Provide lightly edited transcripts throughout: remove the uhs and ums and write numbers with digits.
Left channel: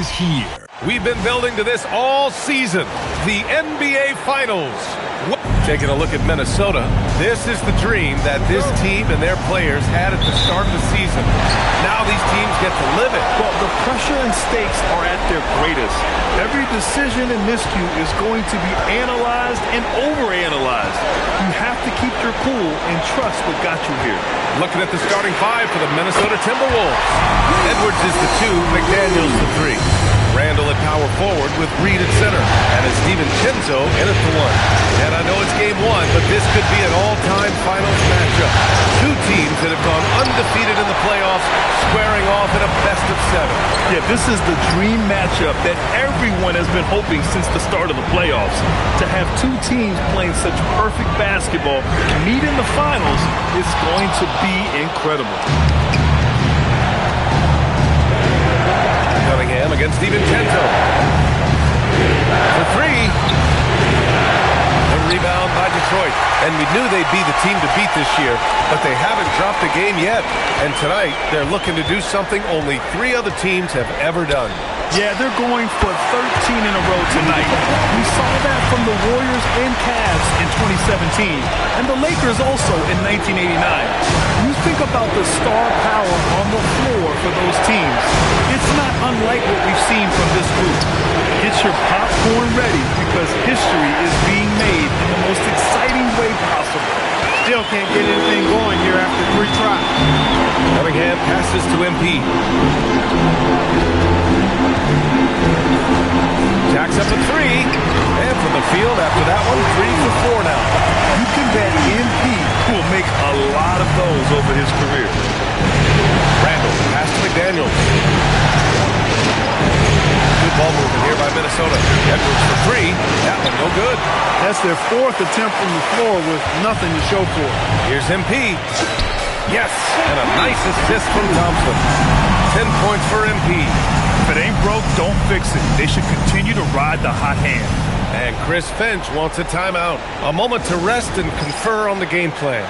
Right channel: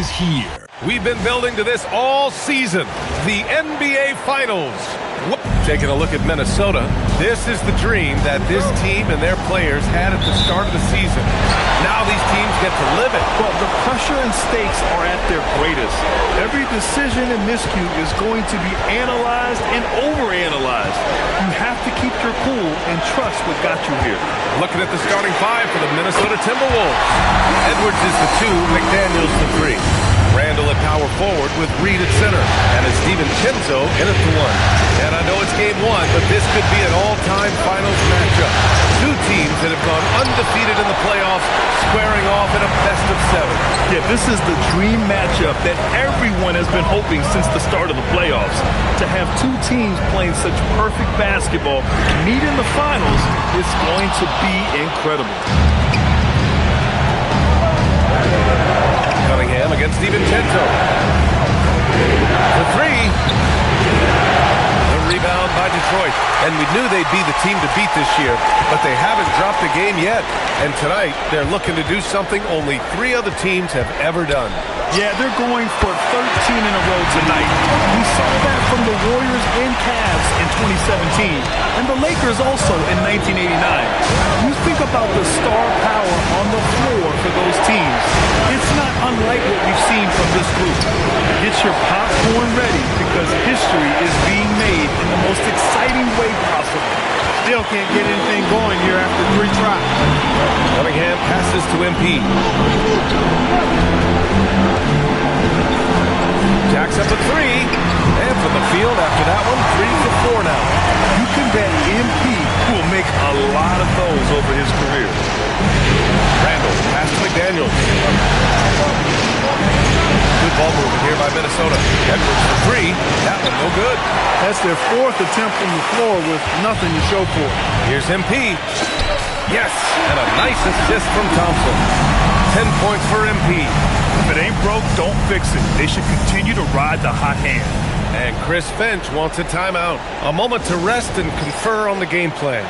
is here. We've been building to this all season. The NBA Finals. Taking a look at Minnesota, this is the dream that this team and their players had at the start of the season. Now these teams get to live it. Well, the pressure and stakes are at their greatest. Every decision and miscue is going to be analyzed and overanalyzed. You have to keep your cool and trust what got you here. Looking at the starting five for the Minnesota Timberwolves. Edwards is the 2, McDaniels the 3. Randall at power forward with Reed at center. And it's DiVincenzo in at the 1. And I know it's game 1, but this could be an all-time finals matchup. Two teams that have gone undefeated in the playoffs, squaring off in a best-of-7. Yeah, this is the dream matchup that everyone has been hoping since the start of the playoffs. To have two teams playing such perfect basketball meet in the finals is going to be incredible. Cunningham against DiVincenzo. For 3. The rebound by Detroit. And we knew they'd be the team to beat this year, but they haven't dropped a game yet. And tonight, they're looking to do something only 3 other teams have ever done. Yeah, they're going for 13 in a row tonight. We saw that from the Warriors and Cavs in 2017, and the Lakers also in 1989. You think about the star power on the floor for those teams. It's not unlike what we've seen from this group. Get your popcorn ready because history is being made in the most exciting way possible. Still can't get anything going here after 3 tries. Cunningham passes to MP. Jacks up a 3. And from the field after that one, 3 for 4 now. You can bet MP will make a lot of those over his career. Randall, pass to McDaniels. Good ball movement here by Minnesota. Edwards for 3. That one no good. That's their 4th attempt from the floor with nothing to show for it. Here's MP. Yes, and a nice assist from Thompson. 10 points for MP. If it ain't broke, don't fix it. They should continue to ride the hot hand. And Chris Finch wants a timeout. A moment to rest and confer on the game plan.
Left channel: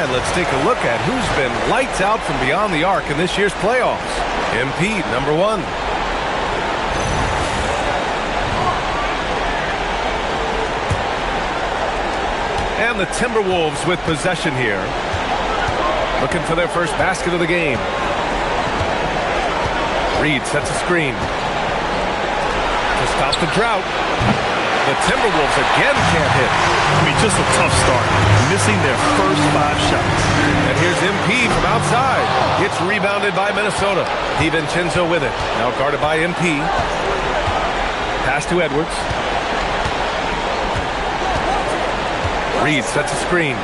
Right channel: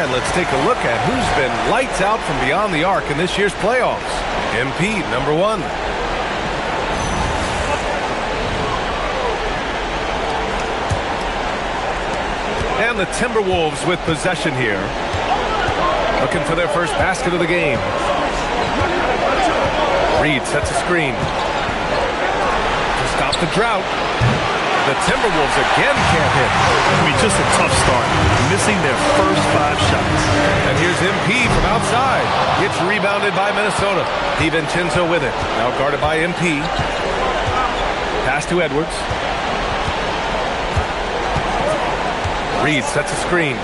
And let's take a look at who's been lights out from beyond the arc in this year's playoffs. MP, number 1. And the Timberwolves with possession here. Looking for their first basket of the game. Reed sets a screen to stop the drought. The Timberwolves again can't hit. I mean, just a tough start. Missing their first 5 shots. And here's MP from outside. Gets rebounded by Minnesota. DiVincenzo with it. Now guarded by MP. Pass to Edwards. Reed sets a screen.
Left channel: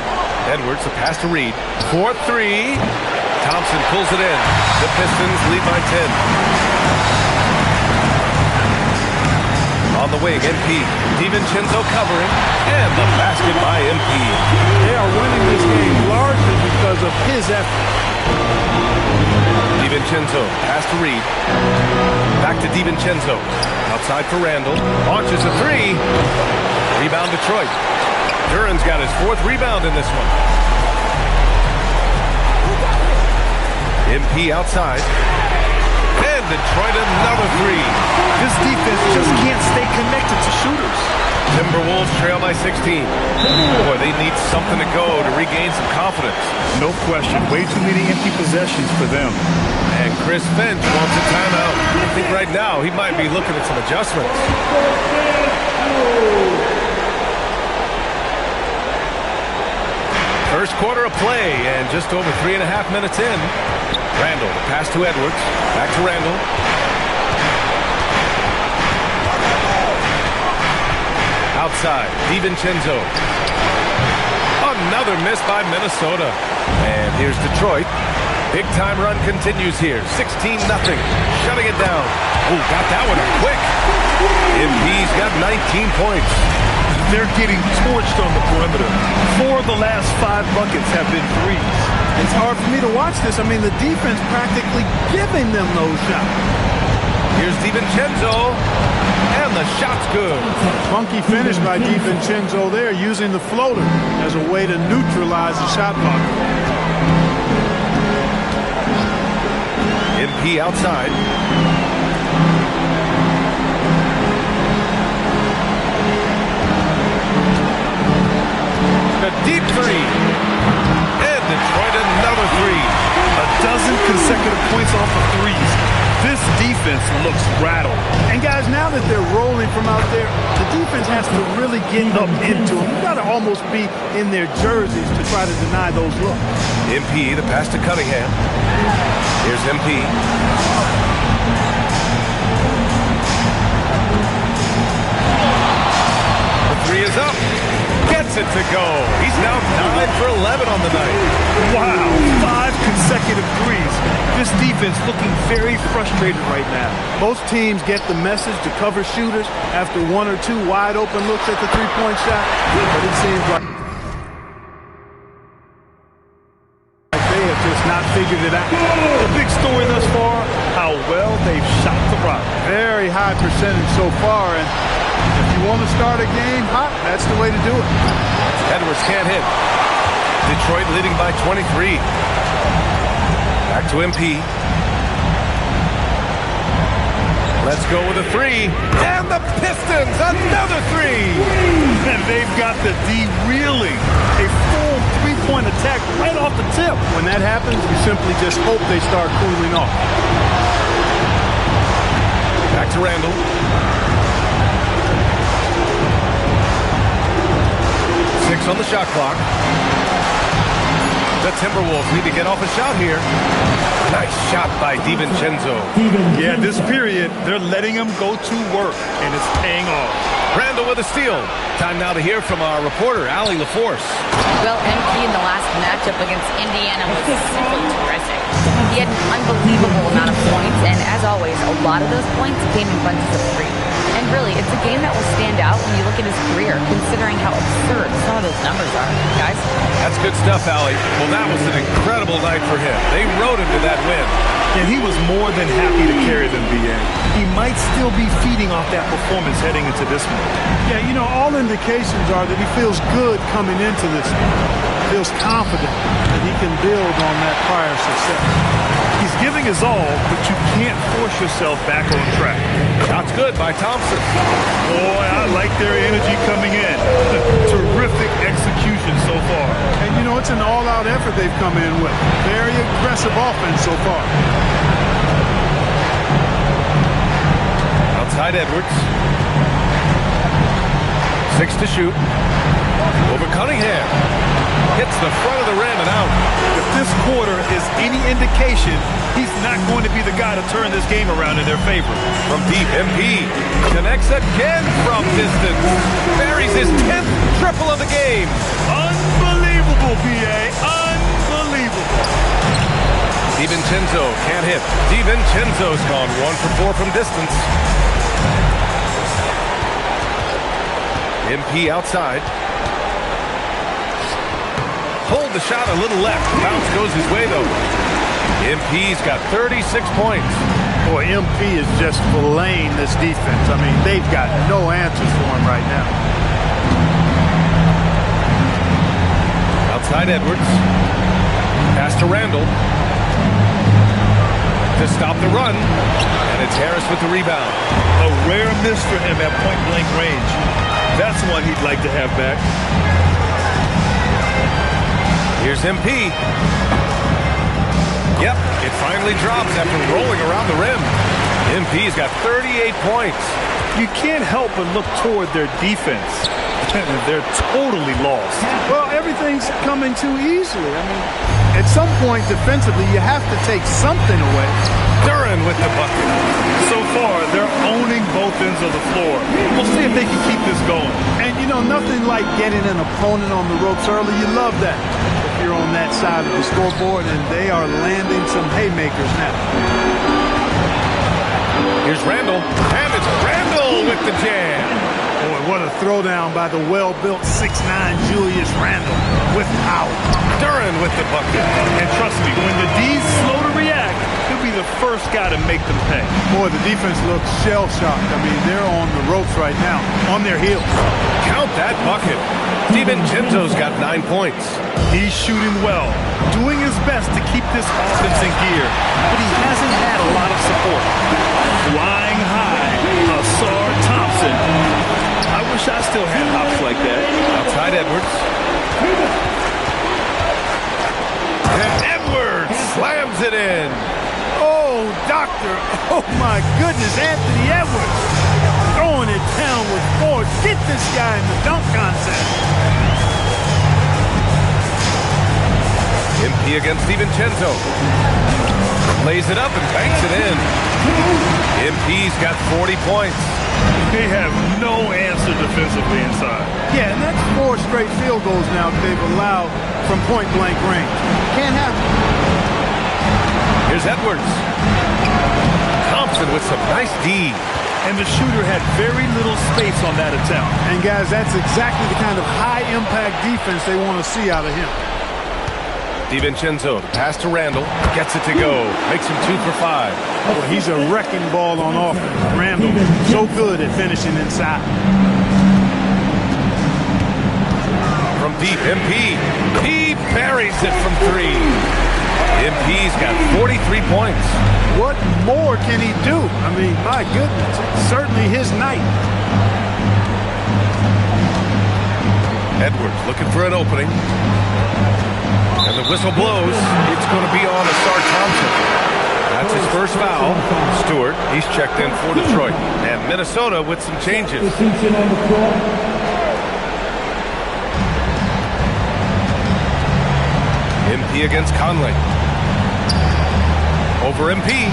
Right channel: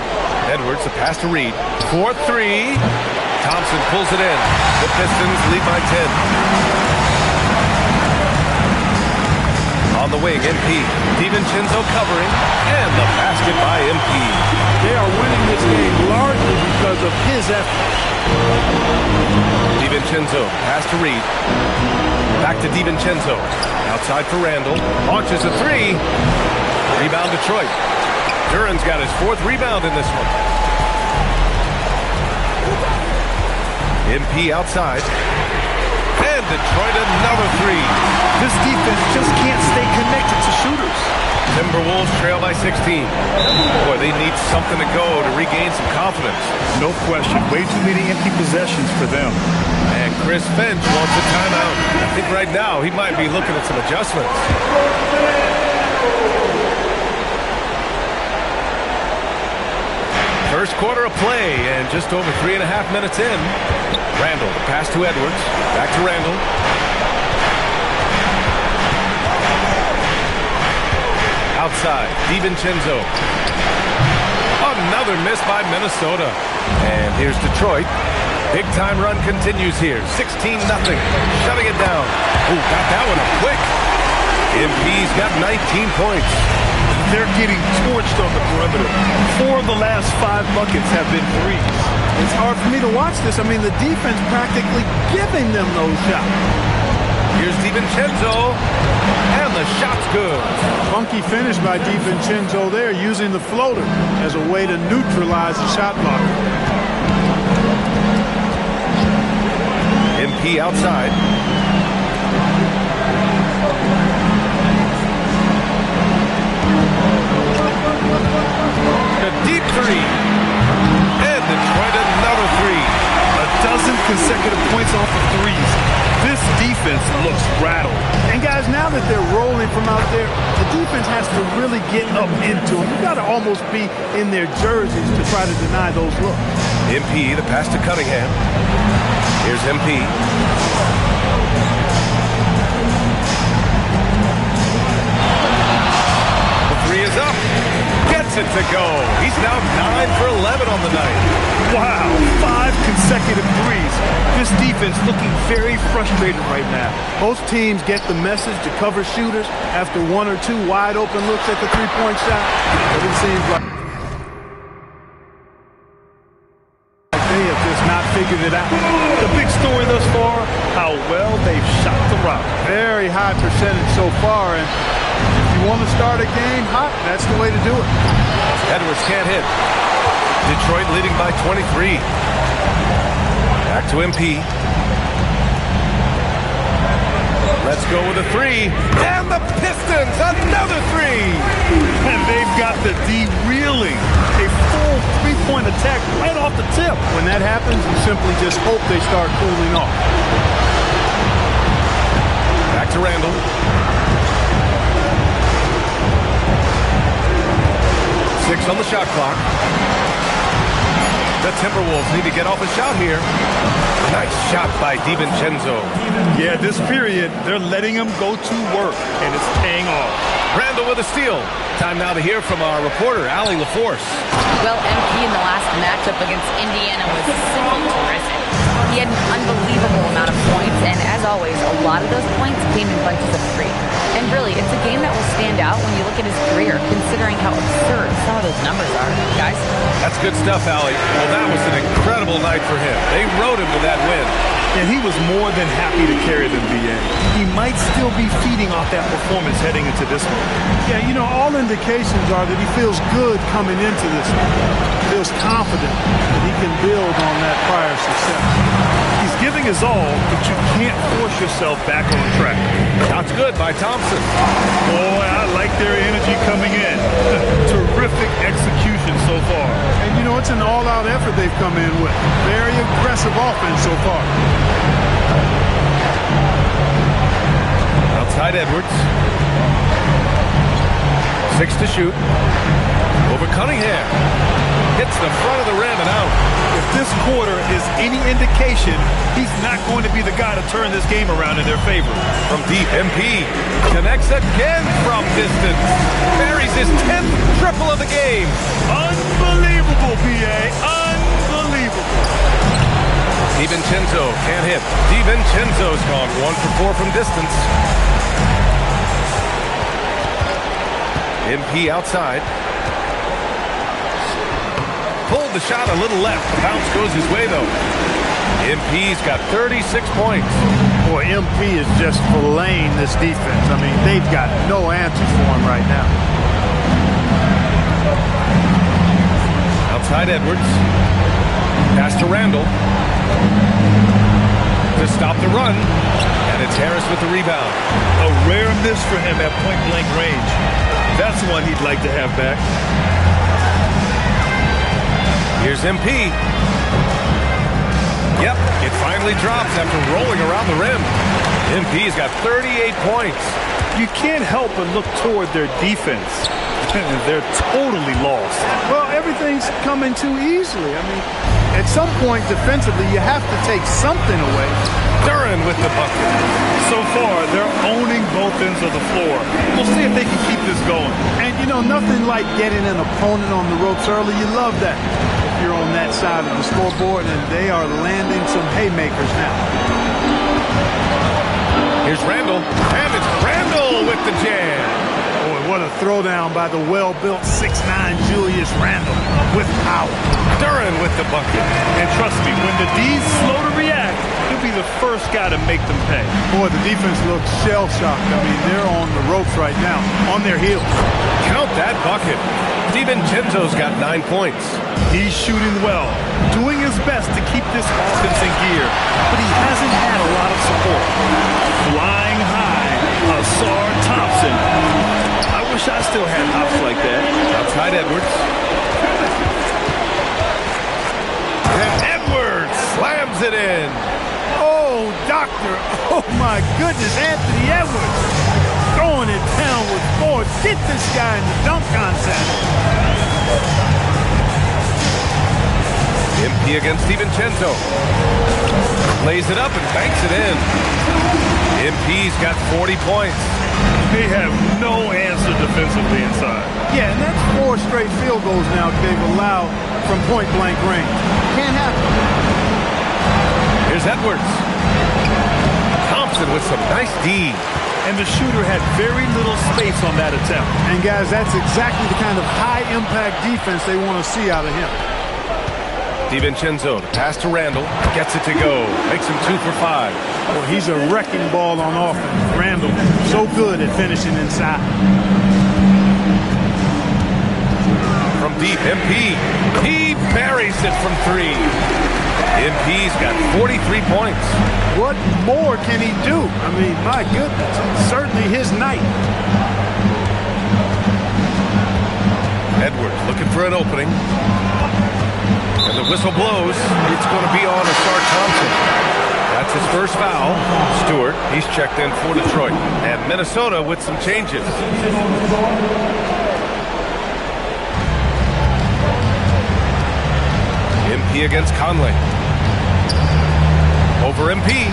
Edwards, the pass to Reed. 4-3. Thompson pulls it in. The Pistons lead by 10. On the wing, MP. DiVincenzo covering. And the basket by MP. They are winning this game largely because of his effort. DiVincenzo, pass to Reed. Back to DiVincenzo. Outside for Randall. Launches a 3. Rebound Detroit. Duran's got his 4th rebound in this one. MP outside. And Detroit another 3. This defense just can't stay connected to shooters. Timberwolves trail by 16. Boy, they need something to go to regain some confidence. No question. Way too many empty possessions for them. And Chris Finch wants a timeout. I think right now he might be looking at some adjustments. First quarter of play and just over 3.5 minutes in. Randall, the pass to Edwards. Back to Randall. Outside, DiVincenzo. Another miss by Minnesota. And here's Detroit. Big time run continues here. 16-0. Shutting it down. Oh, got that one up quick. MP's got 19 points. They're getting torched on the perimeter. 4 of the last 5 buckets have been 3s. It's hard for me to watch this. I mean, the defense practically giving them those shots. Here's DiVincenzo. And the shot's good. Funky finish by DiVincenzo there, using the floater as a way to neutralize the shot blocker. MP outside. A deep three. And Detroit another three. A dozen consecutive points off of threes. This defense looks rattled. And guys, now that they're rolling from out there, the defense has to really get up into them. You've got to almost be in their jerseys to try to deny those looks. MP, the pass to Cunningham. Here's MP. The three is up. Gets it to go. He's now 9 for 11 on the night. Wow, 5 consecutive threes. This defense looking very frustrated right now. Most teams get the message to cover shooters after 1 or 2 wide open looks at the three-point shot, but it seems like they have just not figured it out. The big story thus far, how well they've shot the rock. Very high percentage so far, and if you want to start a game hot, that's the way to do it. Edwards can't hit. Detroit leading by 23. Back to MP. Let's go with a three. And the Pistons, another three. And they've got the D reeling. A full three-point attack right off the tip. When that happens, you simply just hope they start cooling off. Back to Randall. Six on the shot clock. The Timberwolves need to get off a shot here. Nice shot by DiVincenzo. Yeah, this period, they're letting him go to work, and it's paying off. Randall with a steal. Time now to hear from our reporter, Allie LaForce. Well, MP in the last matchup against Indiana was simply terrific. He had an unbelievable amount of points, and as always, a lot of those points came in bunches of 3. And really, it's a game that will stand out when you look at his career, considering how absurd some of those numbers are. Guys? That's good stuff, Allie. Well, that was an incredible night for him. They rode him to that win. And he was more than happy to carry them, B.A. He might still be feeding off that performance heading into this one. Yeah, you know, all indications are that he feels good coming into this one. Feels confident that he can build on that prior success. He's giving his all, but you can't force yourself back on track. Shots good by Thompson. Boy, I like their energy coming in. Terrific execution so far. And, you know, it's an all-out effort they've come in with. Very aggressive offense so far. Outside Edwards. 6 to shoot. Over Cunningham. Hits the front of the rim and out. If this quarter is any indication, he's not going to be the guy to turn this game around in their favor. From deep, MP connects again from distance. Buries his 10th triple of the game. Unbelievable, B.A. Unbelievable. DiVincenzo can't hit. DiVincenzo's gone 1 for 4 from distance. MP outside. Pulled the shot a little left. The bounce goes his way, though. MP's got 36 points. Boy, MP is just filleting this defense. I mean, they've got no answers for him right now. Outside Edwards. Pass to Randall. To stop the run. And it's Harris with the rebound. A rare miss for him at point-blank range. That's one he'd like to have back. Here's MP. Yep, it finally drops after rolling around the rim. MP's got 38 points. You can't help but look toward their defense. They're totally lost. Well, everything's coming too easily. I mean, at some point defensively, you have to take something away. Duren with the bucket. So far, they're owning both ends of the floor. We'll see if they can keep this going. And, you know, nothing like getting an opponent on the ropes early. You love that. You're on that side of the scoreboard, and they are landing some haymakers now. Here's Randall, and it's Randall with the jam. Boy, what a throwdown by the well-built 6'9" Julius Randle with power. Duren with the bucket. And trust me, when the D's slow to react, he'll be the first guy to make them pay. Boy, the defense looks shell-shocked. I mean, they're on the ropes right now, on their heels. Count that bucket. DiVincenzo's got 9 points. He's shooting well, doing his best to keep this offense in gear, but he hasn't had a lot of support. Flying high, Ausar Thompson. I wish I still had hops like that. Outside Edwards. And Edwards slams it in. Oh, doctor. Oh, my goodness. Anthony Edwards throwing it down with force. Get this guy in the dunk contest. MP against DiVincenzo. Lays it up and banks it in. MP's got 40 points. They have no answer defensively inside. Yeah, and that's 4 straight field goals now they've allowed from point-blank range. Can't happen. Here's Edwards. Thompson with some nice D. And the shooter had very little space on that attempt. And, guys, that's exactly the kind of high-impact defense they want to see out of him. DiVincenzo, the pass to Randall, gets it to go, makes him 2 for 5. Well, he's a wrecking ball on offense. Randall, so good at finishing inside. From deep, MP. He buries it from 3. MP's got 43 points. What more can he do? I mean, my goodness, it's certainly his night. Edwards looking for an opening. And the whistle blows. It's going to be on Ausar Thompson. That's his first foul. Stewart, he's checked in for Detroit. And Minnesota with some changes. MP against Conley. Over MP.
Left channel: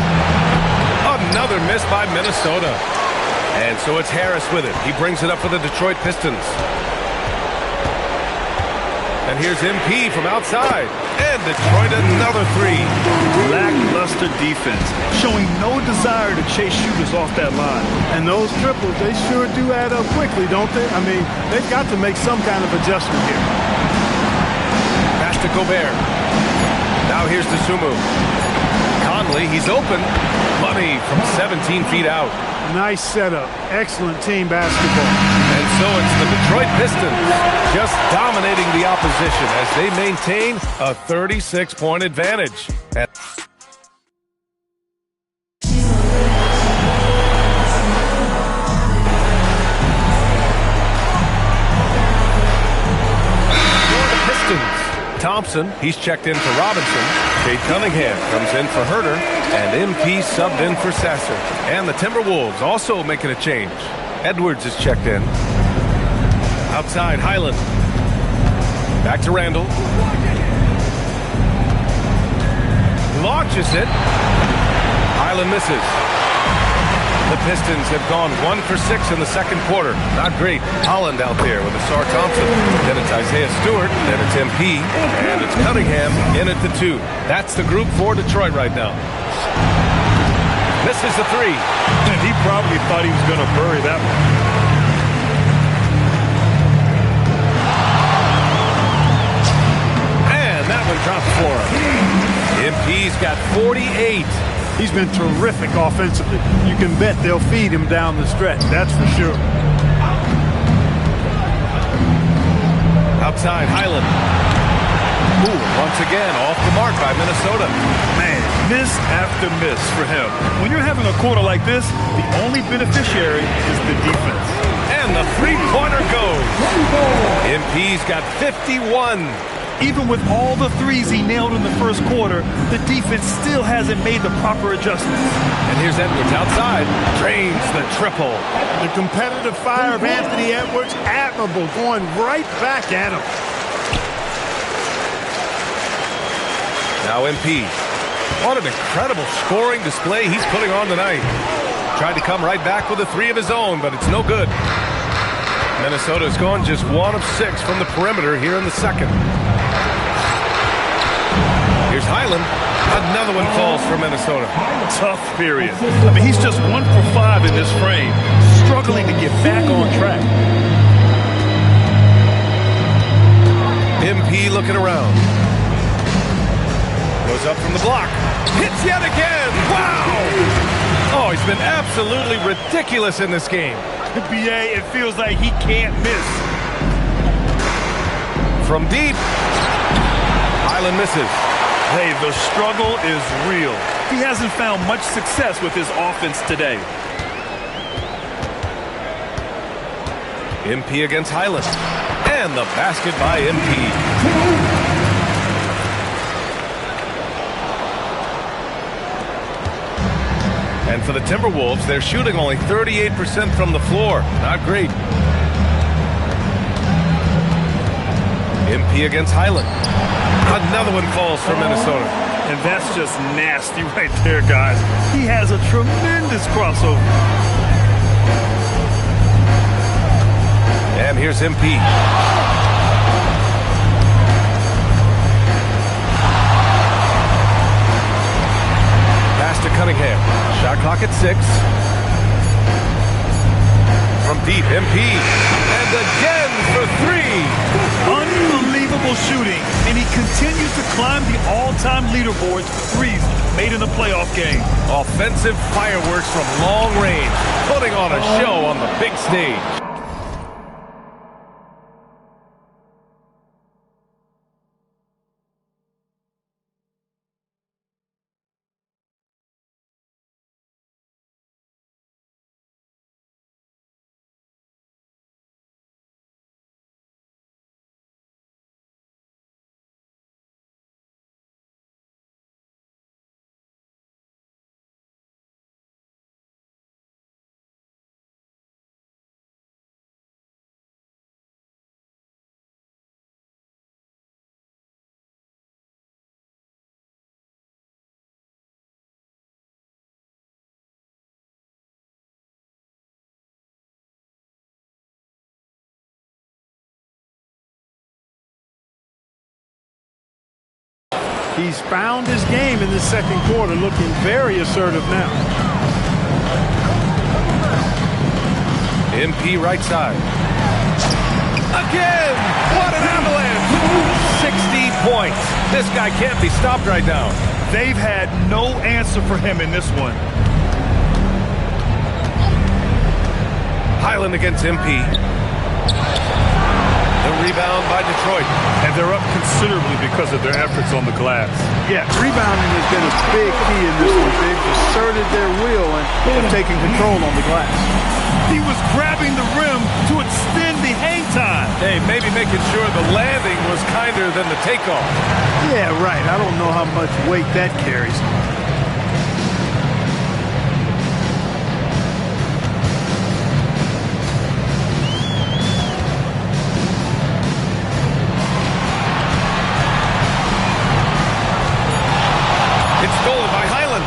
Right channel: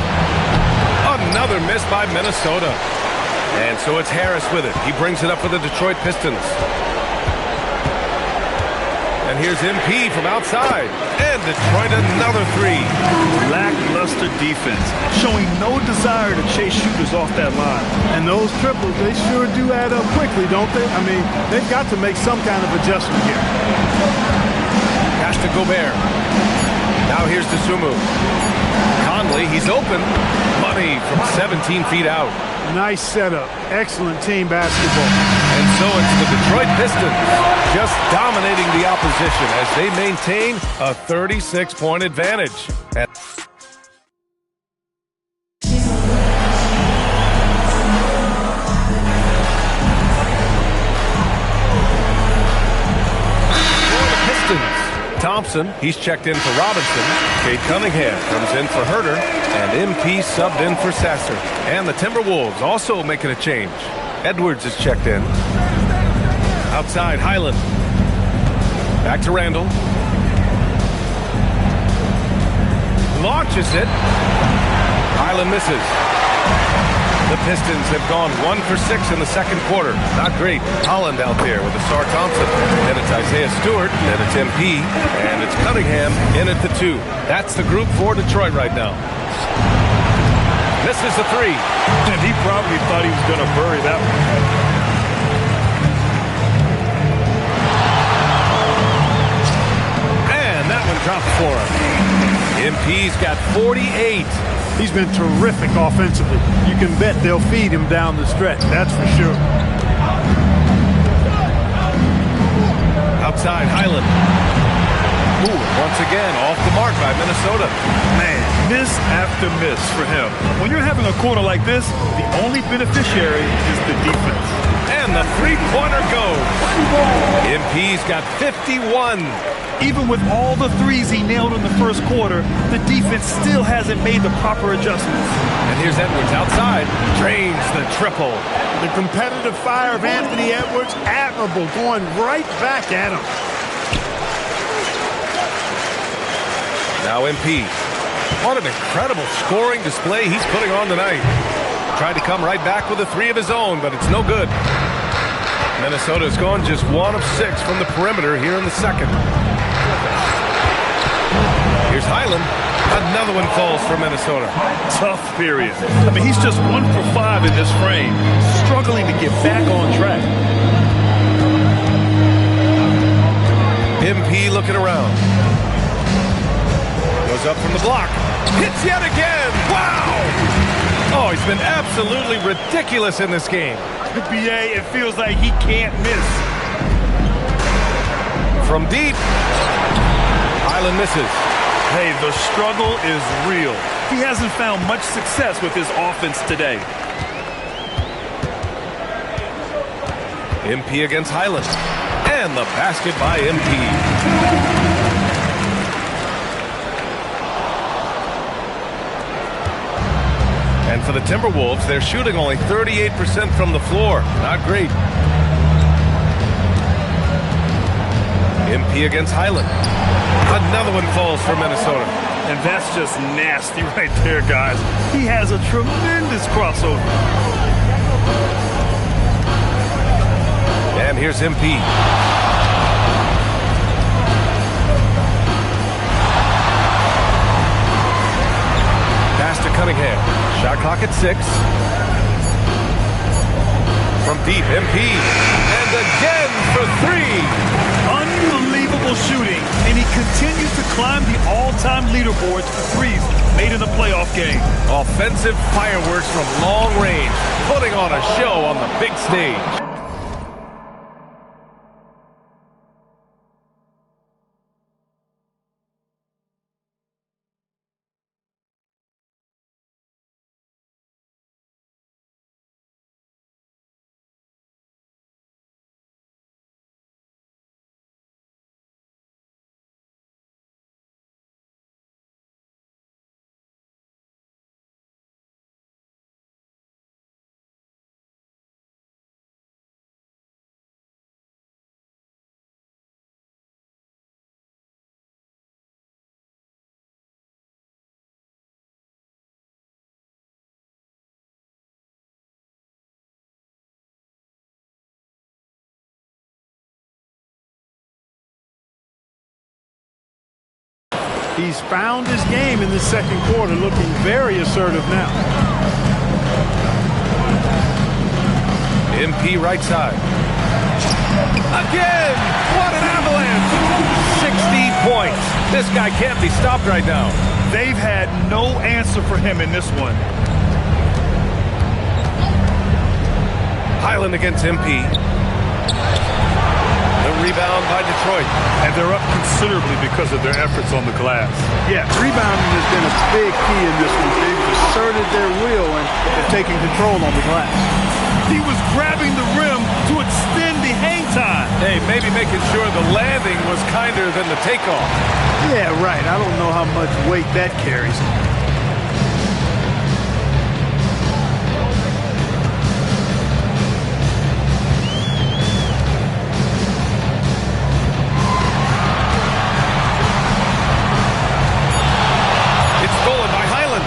Another miss by Minnesota. And so it's Harris with it. He brings it up for the Detroit Pistons. And here's MP from outside. And Detroit another 3. Lackluster defense, showing no desire to chase shooters off that line. And those triples, they sure do add up quickly, don't they? I mean, they've got to make some kind of adjustment here. Pass to Gobert. Now here's Dosunmu. Conley, he's open. Money from 17 feet out. Nice setup. Excellent team basketball. And so it's the Detroit Pistons just dominating the opposition as they maintain a 36-point advantage. For the Pistons, Thompson, he's checked in for Robinson. Cade Cunningham comes in for Herter. And MP subbed in for Sasser. And the Timberwolves also making a change. Edwards is checked in. Outside, Highland. Back to Randall. Launches it. Highland misses. The Pistons have gone 1 for 6 in the second quarter. Not great. Holland out there with Ausar Thompson. Then it's Isaiah Stewart. Then it's MP. And it's Cunningham in at the 2. That's the group for Detroit right now. Misses the 3. And he probably thought he was going to bury that one. And that one drops for him. MP's got 48. He's been terrific offensively. You can bet they'll feed him down the stretch. That's for sure. Outside, Highland. Ooh, once again, off the mark by Minnesota. Man, miss after miss for him. When you're having a quarter like this, the only beneficiary is the defense. And the three-pointer goes. MP's got 51. Even with all the threes he nailed in the first quarter, the defense still hasn't made the proper adjustments. And here's Edwards outside. Drains the triple. The competitive fire of Anthony Edwards, admirable, going right back at him. Now MP. What an incredible scoring display he's putting on tonight. Tried to come right back with a 3 of his own, but it's no good. Minnesota's gone just 1 of 6 from the perimeter here in the second. Here's Highland. Another one falls for Minnesota. Tough period. I mean, he's just 1 for 5 in this frame, struggling to get back on track. MP looking around. Goes up from the block. Hits yet again. Wow! Oh, he's been absolutely ridiculous in this game. BA, it feels like he can't miss. From deep. Highland misses. Hey, the struggle is real. He hasn't found much success with his offense today. MP against Highland. And the basket by MP. And for the Timberwolves, they're shooting only 38% from the floor. Not great. MP against Highland. Another one falls for Minnesota. And that's just nasty right there, guys. He has a tremendous crossover. And here's MP. Pass to Cunningham. Shot clock at 6. From deep, MP. And again for 3. Unbelievable shooting. And he continues to climb the all-time leaderboards for threes made in a playoff game. Offensive fireworks from long range. Putting on a show on the big stage. He's found his game in the second quarter, looking very assertive now. MP right side. Again! What an avalanche! 60 points. This guy can't be stopped right now. They've had no answer for him in this one. Highland against MP. The rebound by Detroit. And they're up considerably because of their efforts on the glass. Yeah, rebounding has been a big key in this one. They've asserted their will and have taken control on the glass. He was grabbing the rim to extend the hang time. Hey, maybe making sure the landing was kinder than the takeoff. Yeah, right. I don't know how much weight that carries. It's stolen by Highland.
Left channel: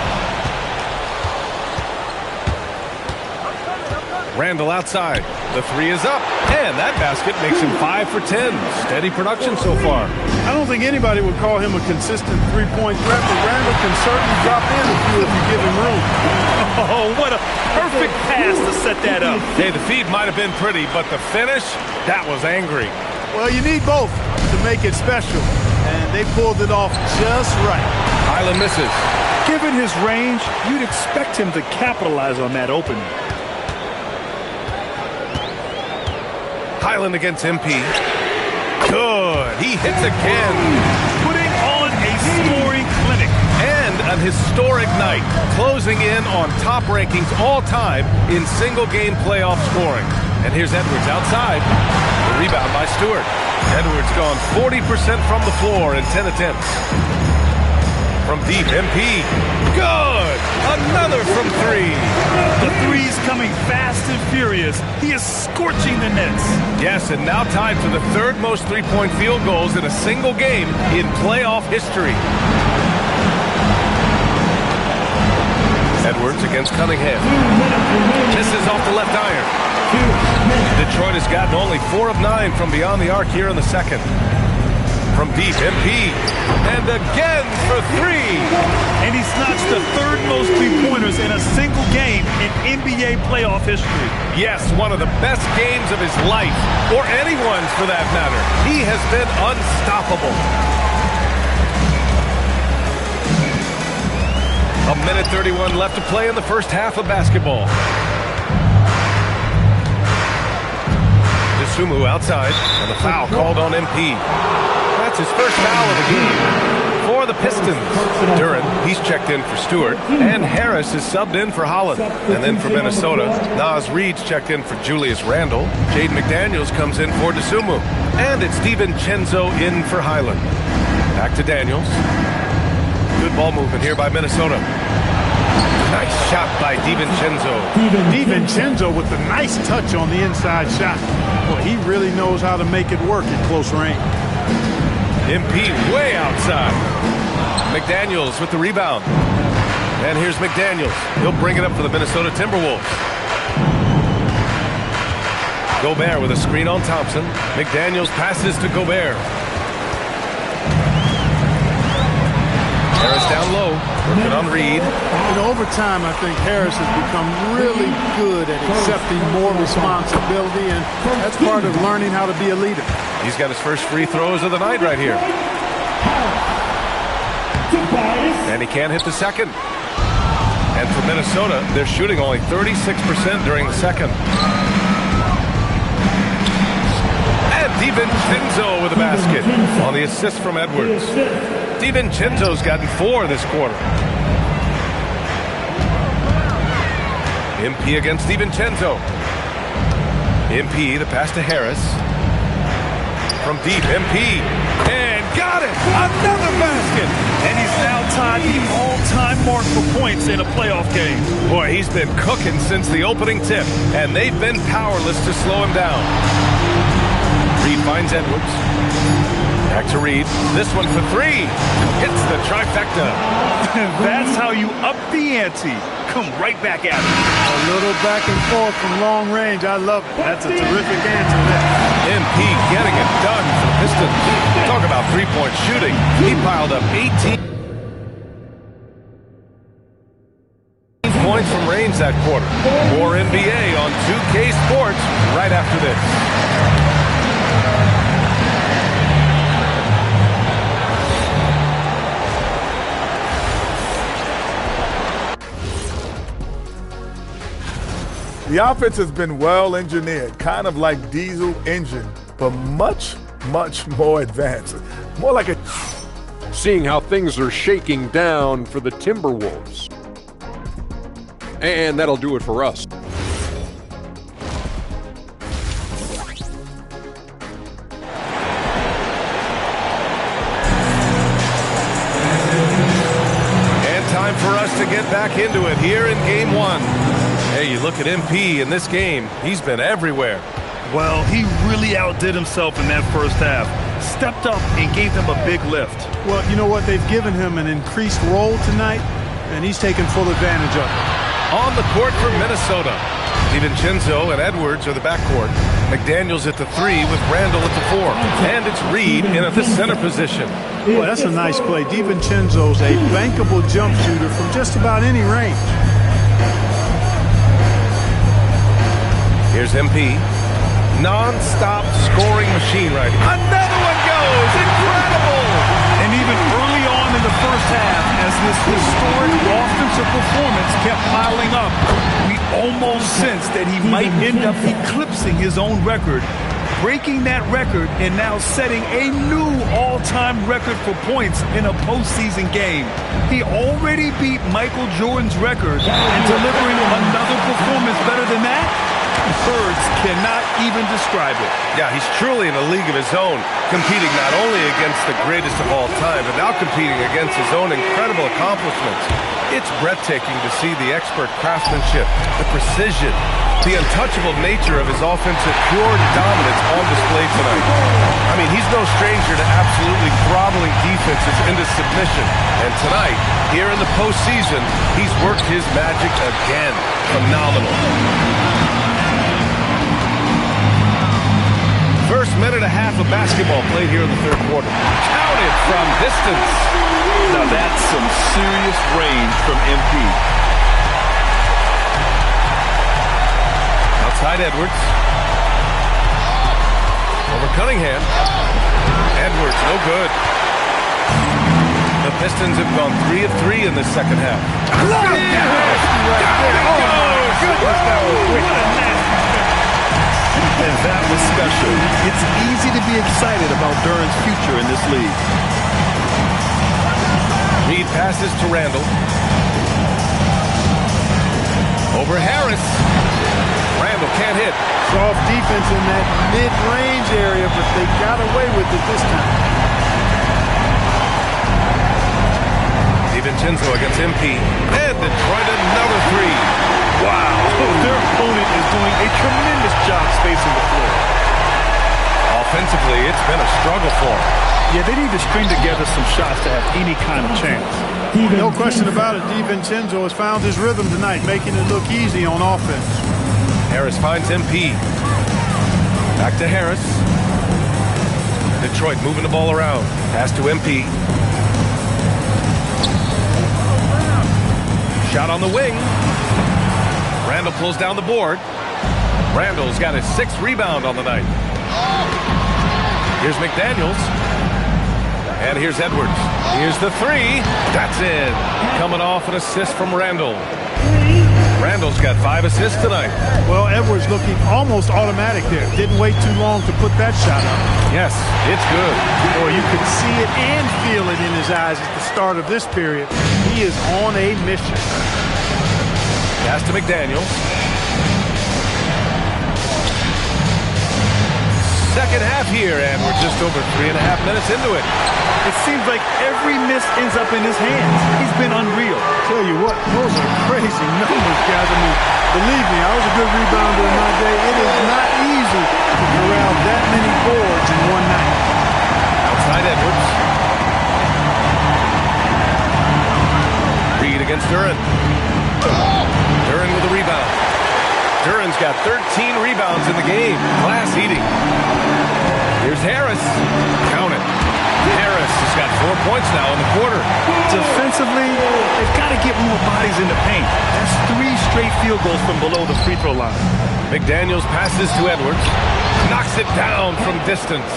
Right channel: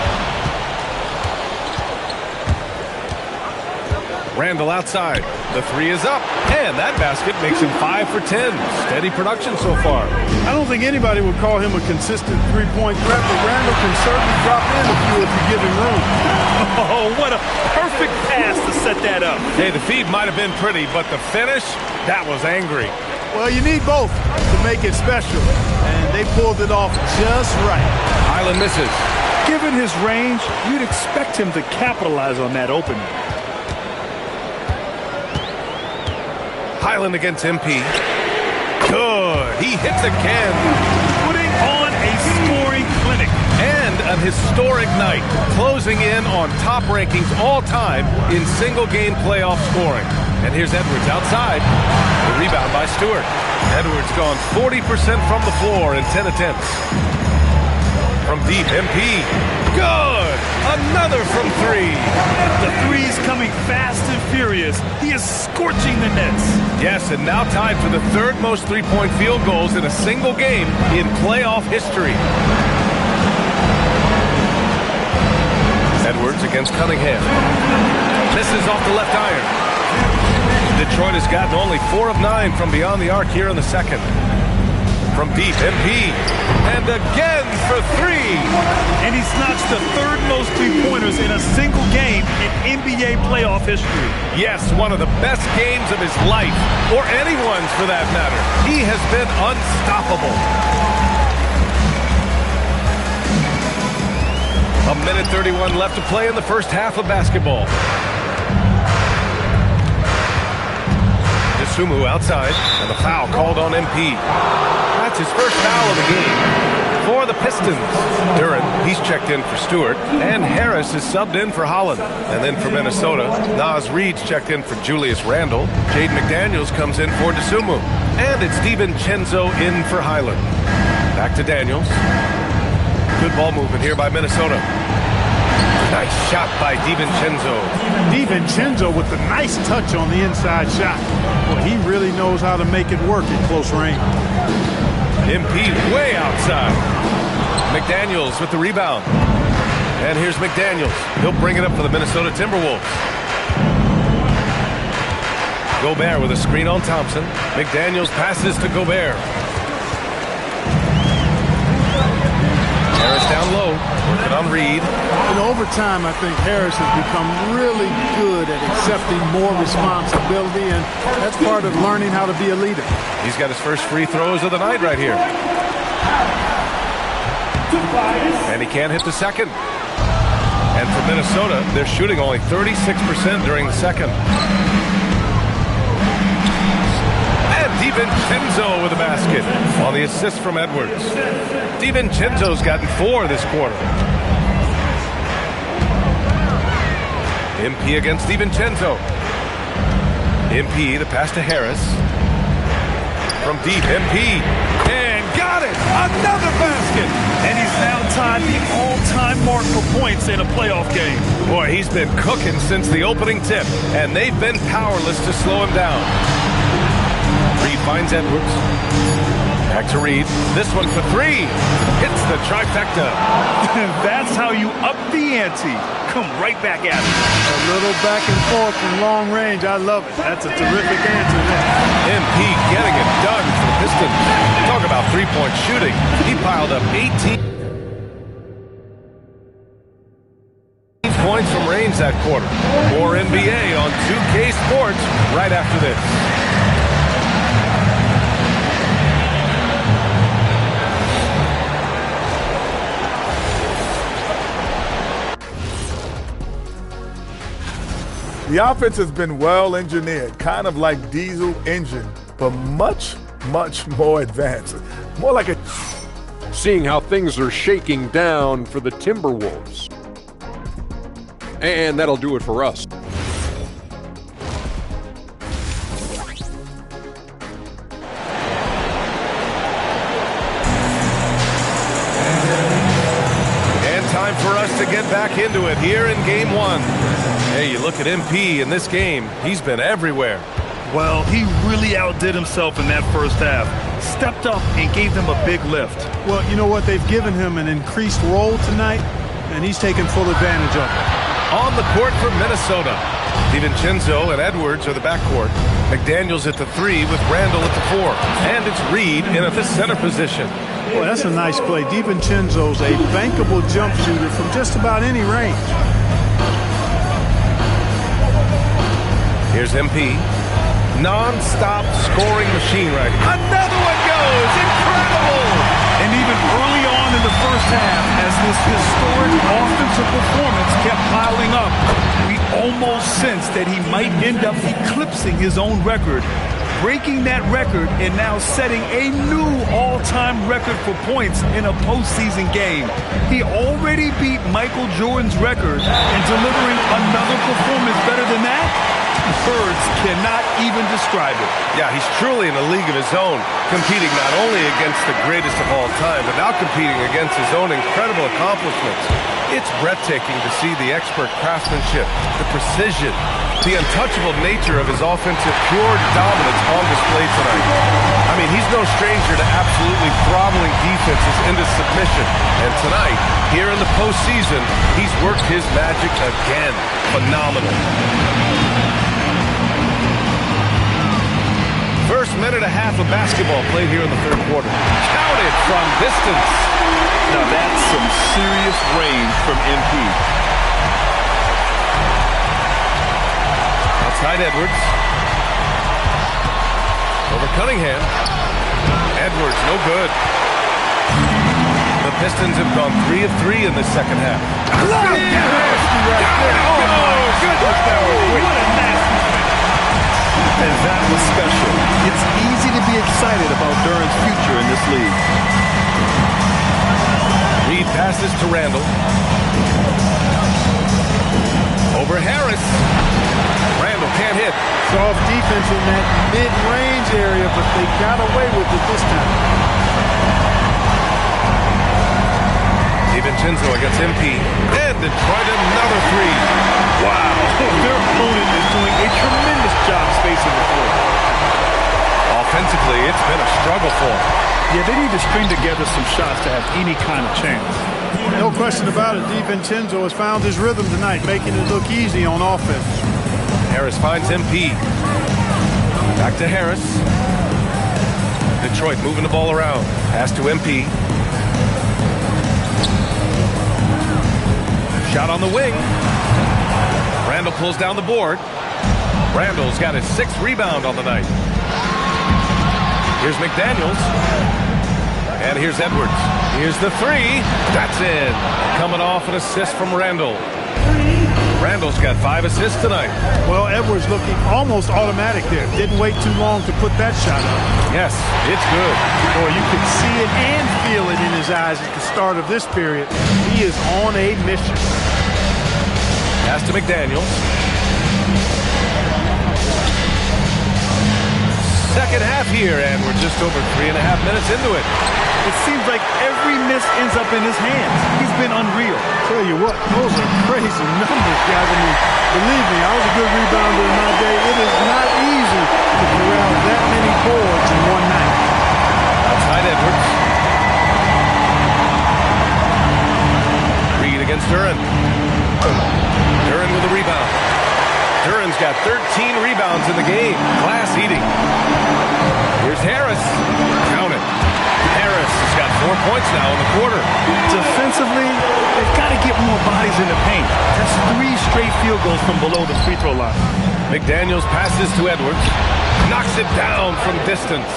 Randall outside. The 3 is up. And that basket makes him 5 for 10. Steady production so far. I don't think anybody would call him a consistent three-point threat, but Randall can certainly drop in a few if you give him room. Oh, what a perfect pass to set that up. Hey, the feed might have been pretty, but the finish, that was angry. Well, you need both to make it special, and they pulled it off just right. Highland misses. Given his range, you'd expect him to capitalize on that opening. Highland against MP. Good. He hits again. Putting on a scoring clinic. And an historic night, closing in on top rankings all time in single-game playoff scoring. And here's Edwards outside. The rebound by Stewart. Edwards gone 40% from the floor in 10 attempts. From deep, MP. Good! Another from 3. The three's coming fast and furious. He is scorching the nets. Yes, and now tied for the 3rd most three-point field goals in a single game in playoff history. Edwards against Cunningham. Misses off the left iron. Detroit has gotten only 4 of 9 from beyond the arc here in the second. From deep, MP. And again for 3. And he's notched the 3rd most three-pointers in a single game in NBA playoff history. Yes, one of the best games of his life, or anyone's for that matter. He has been unstoppable. A minute 31 left to play in the first half of basketball. DeSumo outside, and the foul called on MP. That's his first foul of the game. For the Pistons, Duren, he's checked in for Stewart, and Harris is subbed in for Holland. And then for Minnesota, Naz Reid's checked in for Julius Randle. Jaden McDaniels comes in for DeSumo. And it's DiVincenzo in for Highland. Back to Daniels. Good ball movement here by Minnesota. Nice shot by DiVincenzo. DiVincenzo with the nice touch on the inside shot. Well, he really knows how to make it work at close range. MP way outside. McDaniels with the rebound. And here's McDaniels. He'll bring it up for the Minnesota Timberwolves. Gobert with a screen on Thompson. McDaniels passes to Gobert. Harris down low, working on Reid. Over time, I think Harris has become really good at accepting more responsibility, and that's part of learning how to be a leader. He's got his first free throws of the night right here. And he can't hit the second. And for Minnesota, they're shooting only 36% during the second. And DiVincenzo with a basket on the assist from Edwards. DiVincenzo's gotten 4 this quarter. MP against DiVincenzo. MP, the pass to Harris. From deep, MP. And got it! Another basket! And he's now tied the all-time mark for points in a playoff game. Boy, he's been cooking since the opening tip, and they've been powerless to slow him down. Reid finds Edwards. Back to Reid. This one for 3. Hits the trifecta. That's how you up the ante. Come right back at it. A little back and forth from long range. I love it. That's a terrific answer there. MP getting it done for the Pistons. Talk about three-point shooting. He piled up 18 points from range that quarter. More NBA on 2K Sports right after this. The offense has been well engineered, kind of like diesel engine, but much, much more advanced. More like a... Seeing how things are shaking down for the Timberwolves. And that'll do it for us. And time for us to get back into it here in Game 1. Hey, you look at MP in this game, he's been everywhere. Well, he really outdid himself in that first half. Stepped up and gave them a big lift. Well, you know what? They've given him an increased role tonight, and he's taken full advantage of it. On the court for Minnesota, DiVincenzo and Edwards are the backcourt. McDaniels at the 3 with Randle at the 4. And it's Reid in at the center position. Boy, that's a nice play. DiVincenzo's a bankable jump shooter from just about any range. Here's MP. Non-stop scoring machine right here. Another one goes! Incredible! And even early on in the first half, as this historic offensive performance kept piling up, we almost sensed that he might end up eclipsing his own record, breaking that record and now setting a new all-time record for points in a postseason game. He already beat Michael Jordan's record, and delivering another performance better than that? Words cannot even describe it. Yeah, he's truly in a league of his own, competing not only against the greatest of all time, but now competing against his own incredible accomplishments. It's breathtaking to see the expert craftsmanship, the precision, the untouchable nature of his offensive pure dominance on display tonight. I mean, he's no stranger to absolutely throttling defenses into submission. And tonight, here in the postseason, he's worked his magic again. Phenomenal. First minute and a half of basketball played here in the third quarter. Counted from distance. Now that's some serious range from MP. Outside Edwards. Over Cunningham. Edwards, no good. The Pistons have gone 3 of 3 in this second half. Down it goes! That was quick. What a nasty finish. And that was special. It's easy to be excited about Duran's future in this league. Reed passes to Randall. Over Harris. Randall can't hit. Soft defense in that mid-range area, but they got away with it this time. DiVincenzo against MP. And Detroit another three. Wow, their opponent is doing a tremendous job spacing the floor. Offensively, it's been a struggle for them. Yeah, they need to string together some shots to have any kind of chance. No question about it. DiVincenzo has found his rhythm tonight, making it look easy on offense. Harris finds MP. Back to Harris. Detroit moving the ball around. Pass to MP. Shot on the wing. Randall pulls down the board. Randall's got his 6th rebound on the night. Here's McDaniels. And here's Edwards. Here's the 3. That's in. Coming off an assist from Randall. Randall's got 5 assists tonight. Well, Edwards looking almost automatic there. Didn't wait too long to put that shot up. Yes, it's good. Boy, you could see it and feel it in his eyes at the start of this period. He is on a mission. Pass to McDaniels. Second half here, and we're just over 3.5 minutes into it. It seems like every miss ends up in his hands. He's been unreal. Tell you what, those are crazy numbers, guys. I mean, believe me, I was a good rebounder in my day. It is not easy to corral that many boards in one night. Outside Edwards. Reed against Duran. Duran with a rebound. Duran's got 13 rebounds in the game. Glass eating. Here's Harris. Count it. Harris has got 4 points now in the quarter. Defensively, they've got to get more bodies in the paint. That's 3 straight field goals from below the free throw line. McDaniels passes to Edwards. Knocks it down from distance.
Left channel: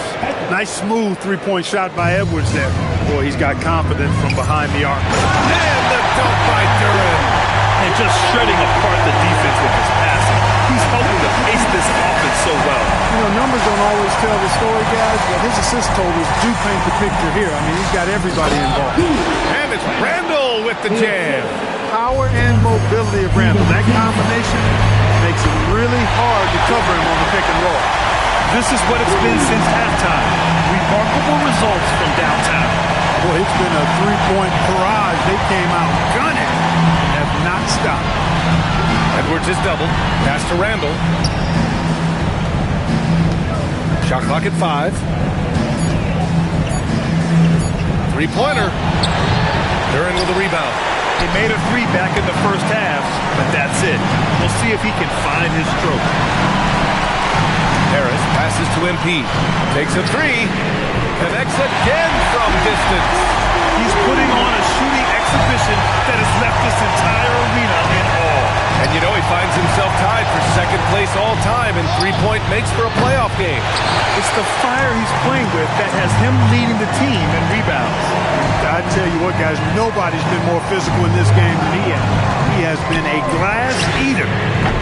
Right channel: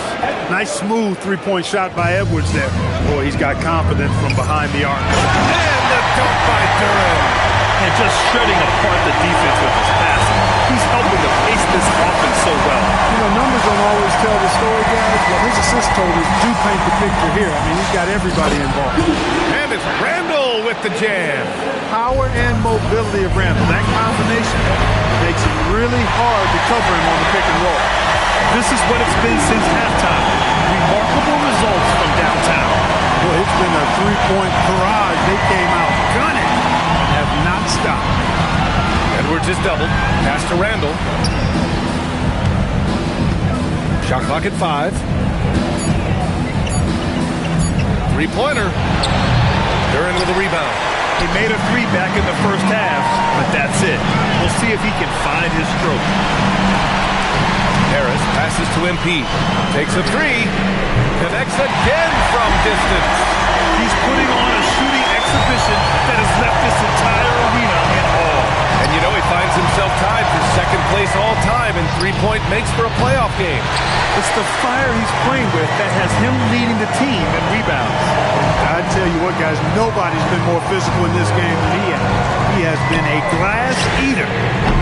Nice smooth three-point shot by Edwards there. Boy, he's got confidence from behind the arc. And the dunk by Duran. And just shredding apart the defense with his passing. He's helping to pace this offense so well. You know, numbers don't always tell the story, guys, but his assist totals do paint the picture here. I mean, he's got everybody involved. And it's Randall with the jam. Power and mobility of Randall. That combination makes it really hard to cover him on the pick and roll. This is what it's been since halftime. Remarkable results from downtown. Boy, it's been a three-point barrage. They came out gunning and have not stopped. Edwards is doubled. Pass to Randall. Shot clock at 5. Three-pointer. Duran with a rebound. He made a 3 back in the first half, but that's it. We'll see if he can find his stroke. Harris passes to MP. Takes a 3. Connects again from distance. He's putting on a shooting exhibition that has left this entire arena in awe. And you know he finds himself tied for second place all time in three-point makes for a playoff game. It's the fire he's playing with that has him leading the team in rebounds. And I tell you what, guys, nobody's been more physical in this game than he has. He has been a glass eater.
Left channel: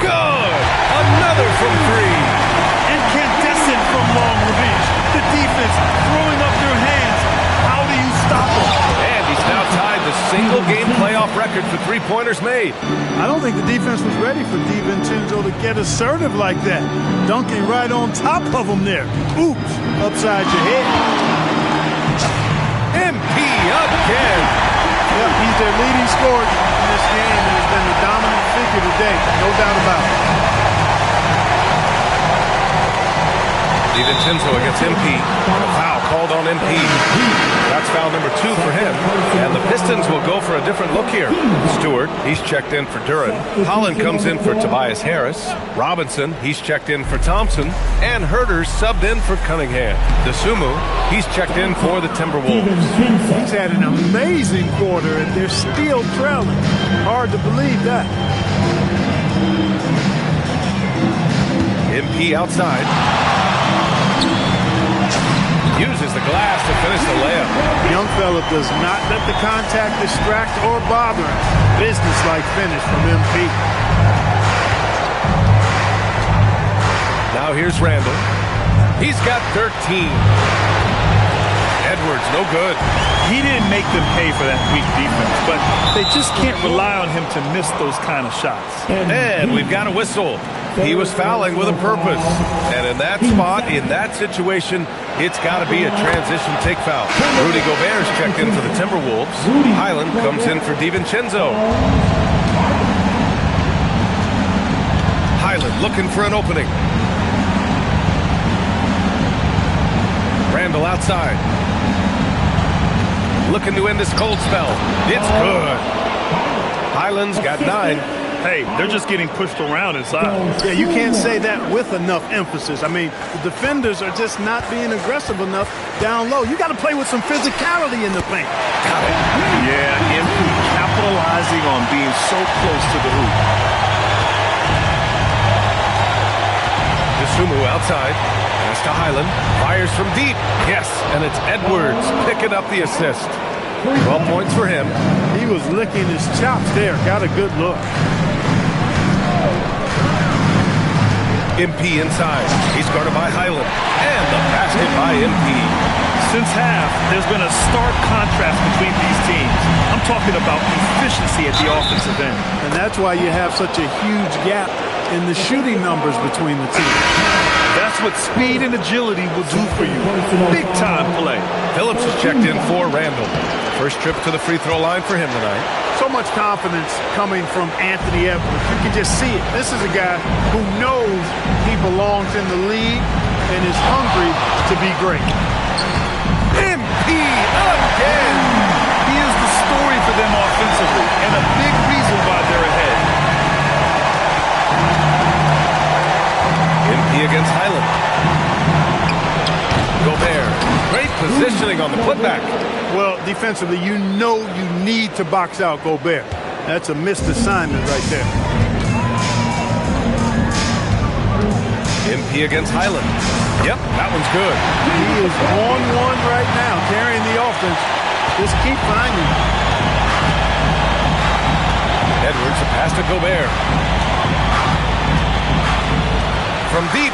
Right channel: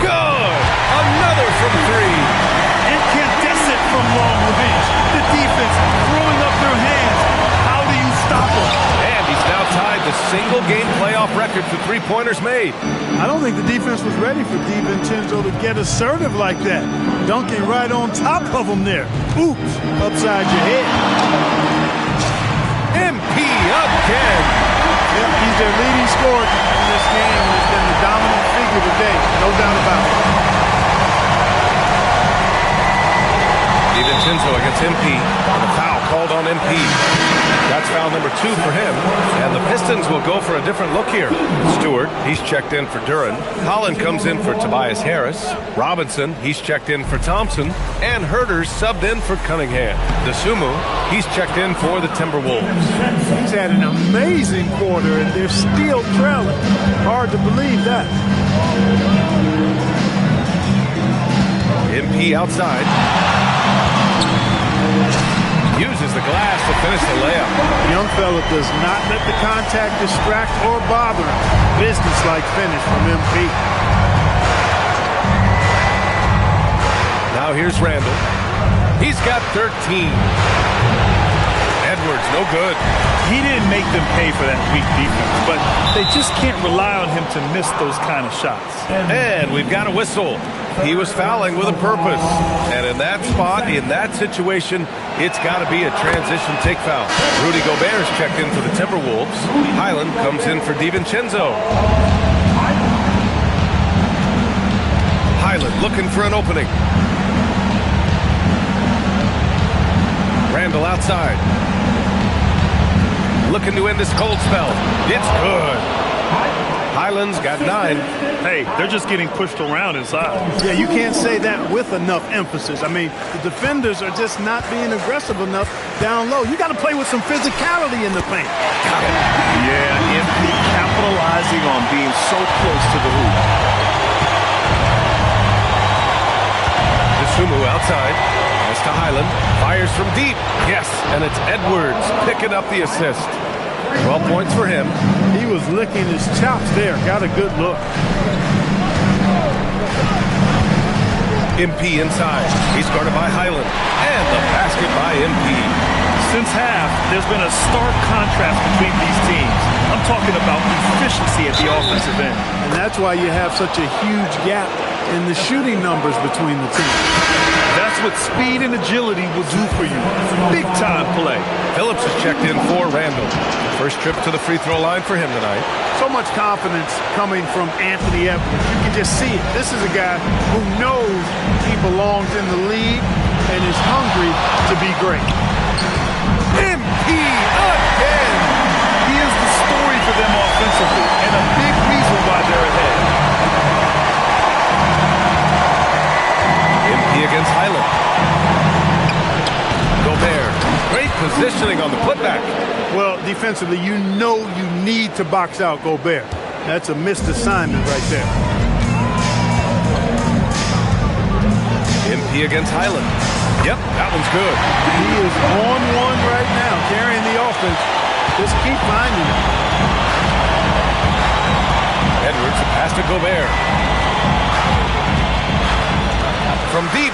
Good! Another from 3. Incandescent from long range. The defense throwing up their hands. How do you stop him? And he's now tied the single-game playoff record for three-pointers made. I don't think the defense was ready for DiVincenzo to get assertive like that. Dunking right on top of him there. Oops, upside your head. MP again. Yep, he's their leading scorer in this game and has been the dominant figure today. No doubt about it. DiVincenzo against MP. And a foul called on MP. That's foul number 2 for him. And the Pistons will go for a different look here. Stewart, he's checked in for Duran. Holland comes in for Tobias Harris. Robinson, he's checked in for Thompson. And Herter's subbed in for Cunningham. DeSumo, he's checked in for the Timberwolves. He's had an amazing quarter, and they're still trailing. Hard to believe that. MP outside. Uses the glass to finish the layup. Young fella does not let the contact distract or bother him. Business-like finish from MP. Now here's Randall. He's got 13. Edwards, no good. He didn't make them pay for that weak defense, but they just can't rely on him to miss those kind of shots. And we've got a whistle. He was fouling with a purpose. And in that spot, in that situation, it's got to be a transition take foul. Rudy Gobert's checked in for the Timberwolves. Highland comes in for DiVincenzo. Highland looking for an opening. Randall outside. Looking to end this cold spell. It's good. Highland's got 9. Hey, they're just getting pushed around inside. Yeah, you can't say that with enough emphasis. I mean, the defenders are just not being aggressive enough down low. You got to play with some physicality in the paint. Got it. Yeah, MP capitalizing on being so close to the hoop. DeSumo outside. Pass to Highland. Fires from deep. Yes, and it's Edwards picking up the assist. 12 points for him. He was licking his chops there. Got a good look. MP inside. He's guarded by Highland. And the basket by MP. Since half, there's been a stark contrast between these teams. I'm talking about efficiency at the offensive end. And that's why you have such a huge gap in the shooting numbers between the teams. That's what speed and agility will do for you. Big time play. Phillips is checked in for Randall. First trip to the free throw line for him tonight. So much confidence coming from Anthony Edwards. You can just see it. This is a guy who knows he belongs in the league and is hungry to be great. MP again! He is the story for them offensively and a big reason why they're ahead. MP against Highland. Gobert. Great positioning on the putback. Well, defensively, you know you need to box out Gobert. That's a missed assignment right there. MP against Highland. Yep, that one's good. He is on one right now, carrying the offense. Just keep finding him. Edwards, a pass to Gobert. From deep.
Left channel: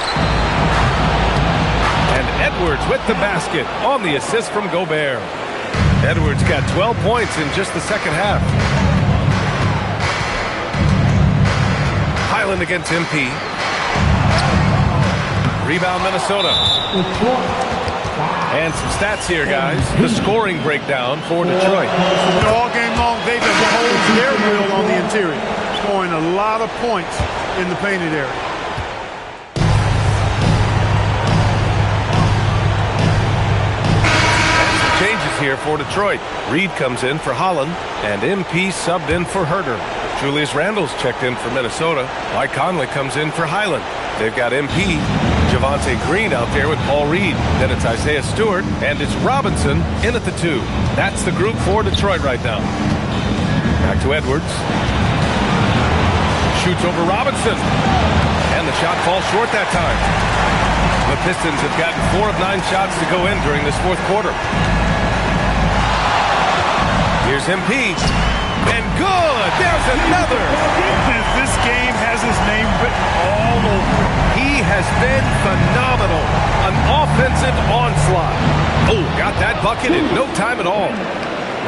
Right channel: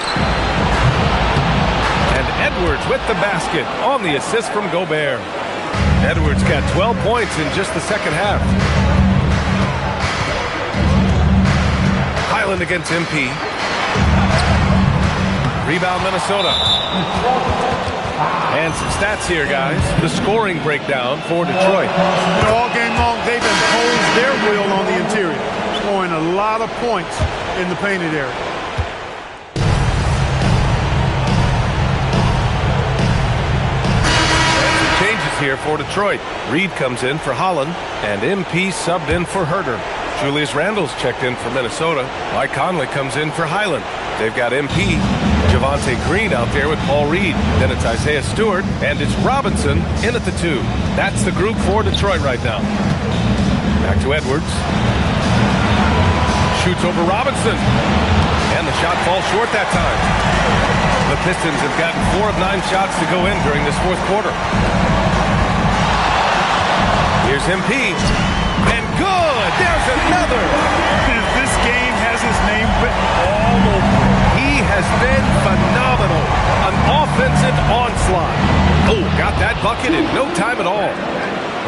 And Edwards with the basket on the assist from Gobert. Edwards got 12 points in just the second half. Highland against MP. Rebound Minnesota. And some stats here, guys. The scoring breakdown for Detroit. All game long, they've imposed their will on the interior, scoring a lot of points in the painted area. Changes here for Detroit. Reed comes in for Holland, and MP subbed in for Herter. Julius Randle's checked in for Minnesota. Mike Conley comes in for Highland. They've got MP, Javonte Green out there with Paul Reed. Then it's Isaiah Stewart, and it's Robinson in at the 2. That's the group for Detroit right now. Back to Edwards. Shoots over Robinson. And the shot falls short that time. The Pistons have gotten 4 of 9 shots to go in during this fourth quarter. Here's MP. And good! There's another! This game has his name written all over it. He has been phenomenal. An offensive onslaught. Oh, got that bucket in no time at all.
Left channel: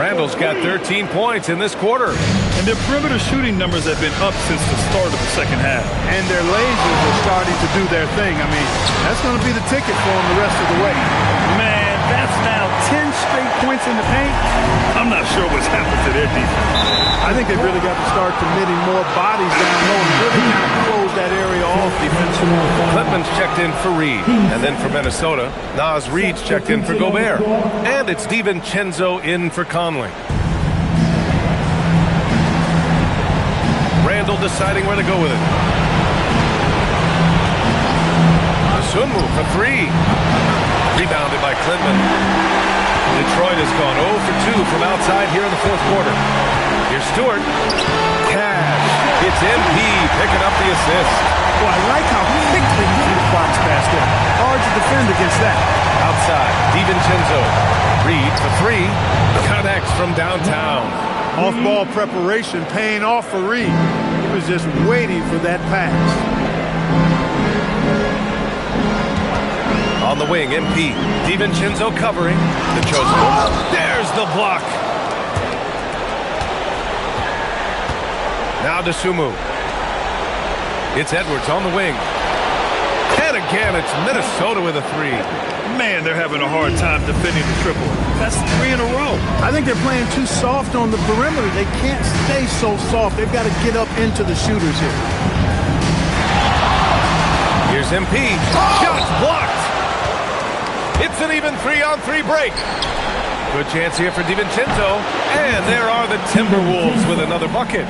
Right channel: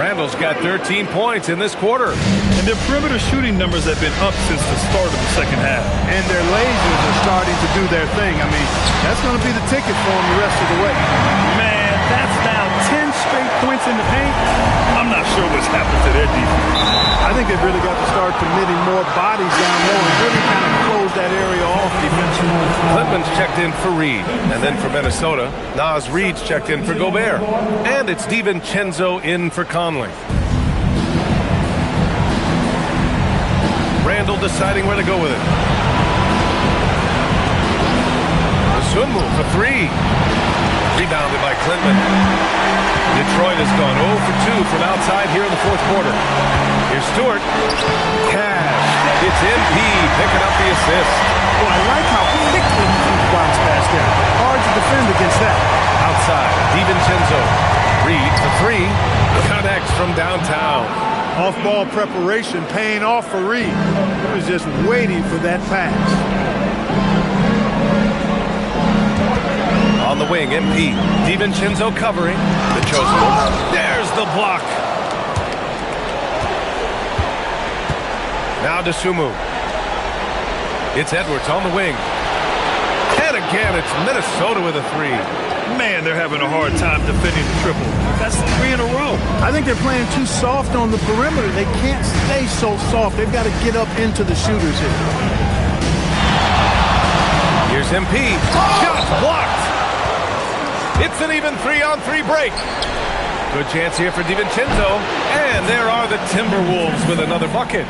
Randall's got 13 points in this quarter. And their perimeter shooting numbers have been up since the start of the second half. And their lasers are starting to do their thing. I mean, that's going to be the ticket for them the rest of the way. Man, that's now 10 straight points in the paint. I'm not sure what's happened to their defense. I think they've really got to start committing more bodies down low and really kind of close that area off defensively. Clintman's checked in for Reed. And then for Minnesota, Naz Reed's checked in for Gobert. And it's DiVincenzo in for Conley. Randall deciding where to go with it. The Sun move for 3. Rebounded by Clintman. Detroit has gone 0 for 2 from outside here in the fourth quarter. Here's Stewart. Cash. It's MP picking up the assist. Oh, I like how quickly he threw the bounce pass there. Hard to defend against that. Outside, DiVincenzo. Reed for 3. Connects from downtown. Off-ball preparation paying off for Reed. He was just waiting for that pass. On the wing, MP. DiVincenzo covering. The chosen one. There's the block. Now to Sumu. It's Edwards on the wing. And again, it's Minnesota with a three. Man, they're having a hard time defending the triple. That's 3 in a row. I think they're playing too soft on the perimeter. They can't stay so soft. They've got to get up into the shooters here. Here's MP. Shots blocked. It's an even 3-on-3 break. Good chance here for DiVincenzo. And there are the Timberwolves with another bucket.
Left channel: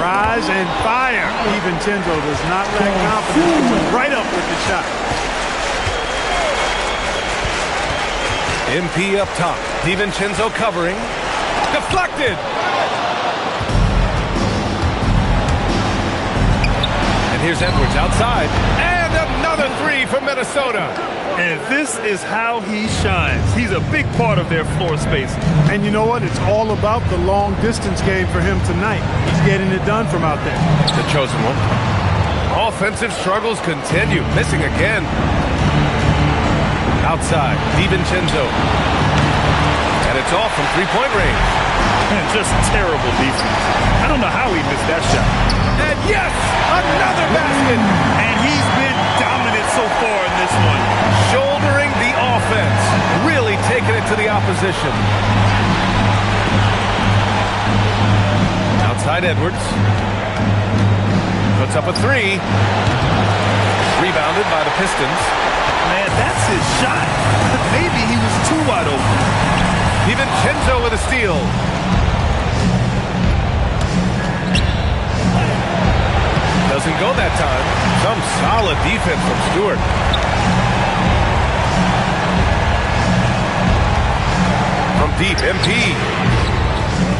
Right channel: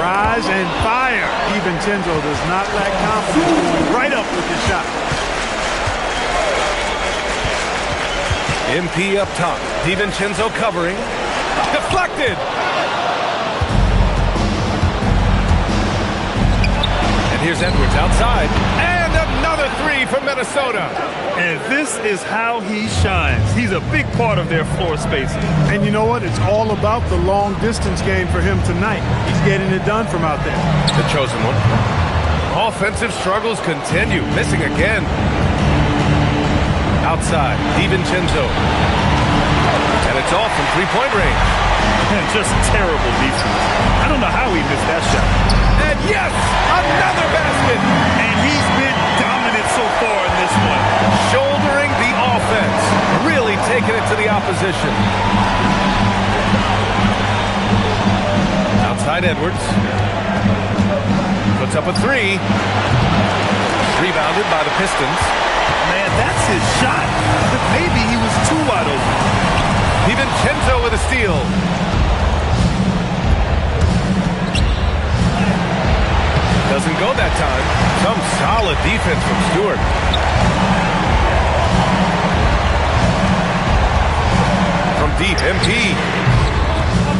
Rise and fire. DiVincenzo does not lack confidence, going right up with the shot. MP up top. DiVincenzo covering. Deflected. And here's Edwards outside. And another three for Minnesota. And this is how he shines. He's a big part of their floor spacing. And you know what? It's all about the long distance game for him tonight. He's getting it done from out there. The chosen one. Offensive struggles continue. Missing again. Outside, DiVincenzo. And it's off from three-point range. And just terrible defense. I don't know how he missed that shot. And yes, another basket. And he's been dominant so far in this one. Shouldering the offense. Really taking it to the opposition. Outside Edwards. Puts up a three. Rebounded by the Pistons. Man, that's his shot. But maybe he was too wide open. DiVincenzo with a steal. Doesn't go that time. Some solid defense from Stewart. From deep, MP.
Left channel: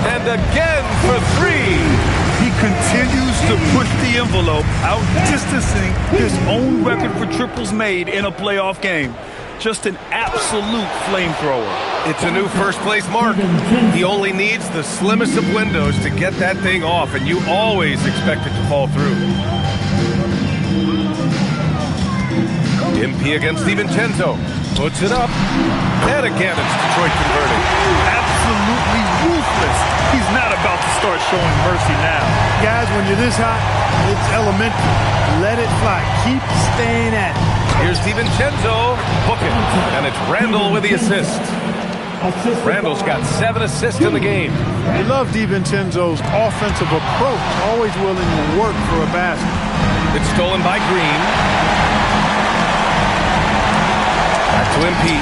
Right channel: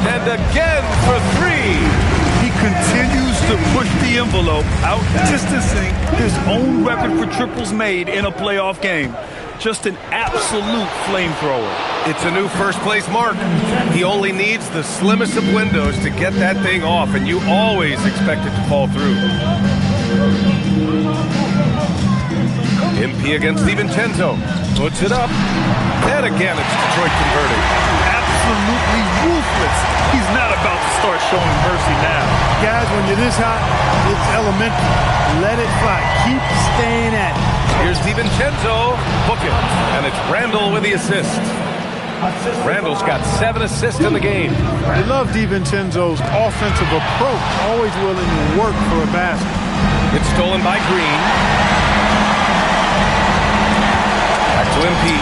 And again for three. He continues to push the envelope, out-distancing his own record for triples made in a playoff game. Just an absolute flamethrower. It's a new first-place mark. He only needs the slimmest of windows to get that thing off, and you always expect it to fall through. MP against DiVincenzo. Puts it up. And again, it's Detroit converting. Absolutely ruthless. He's not about to start showing mercy now. Guys, when you're this hot, it's elementary. Let it fly. Keep staying at it. Here's DiVincenzo. Book it. And it's Randall with the assist. Randall's got 7 assists in the game. I love DiVincenzo's offensive approach. Always willing to work for a basket. It's stolen by Green. Back to MP.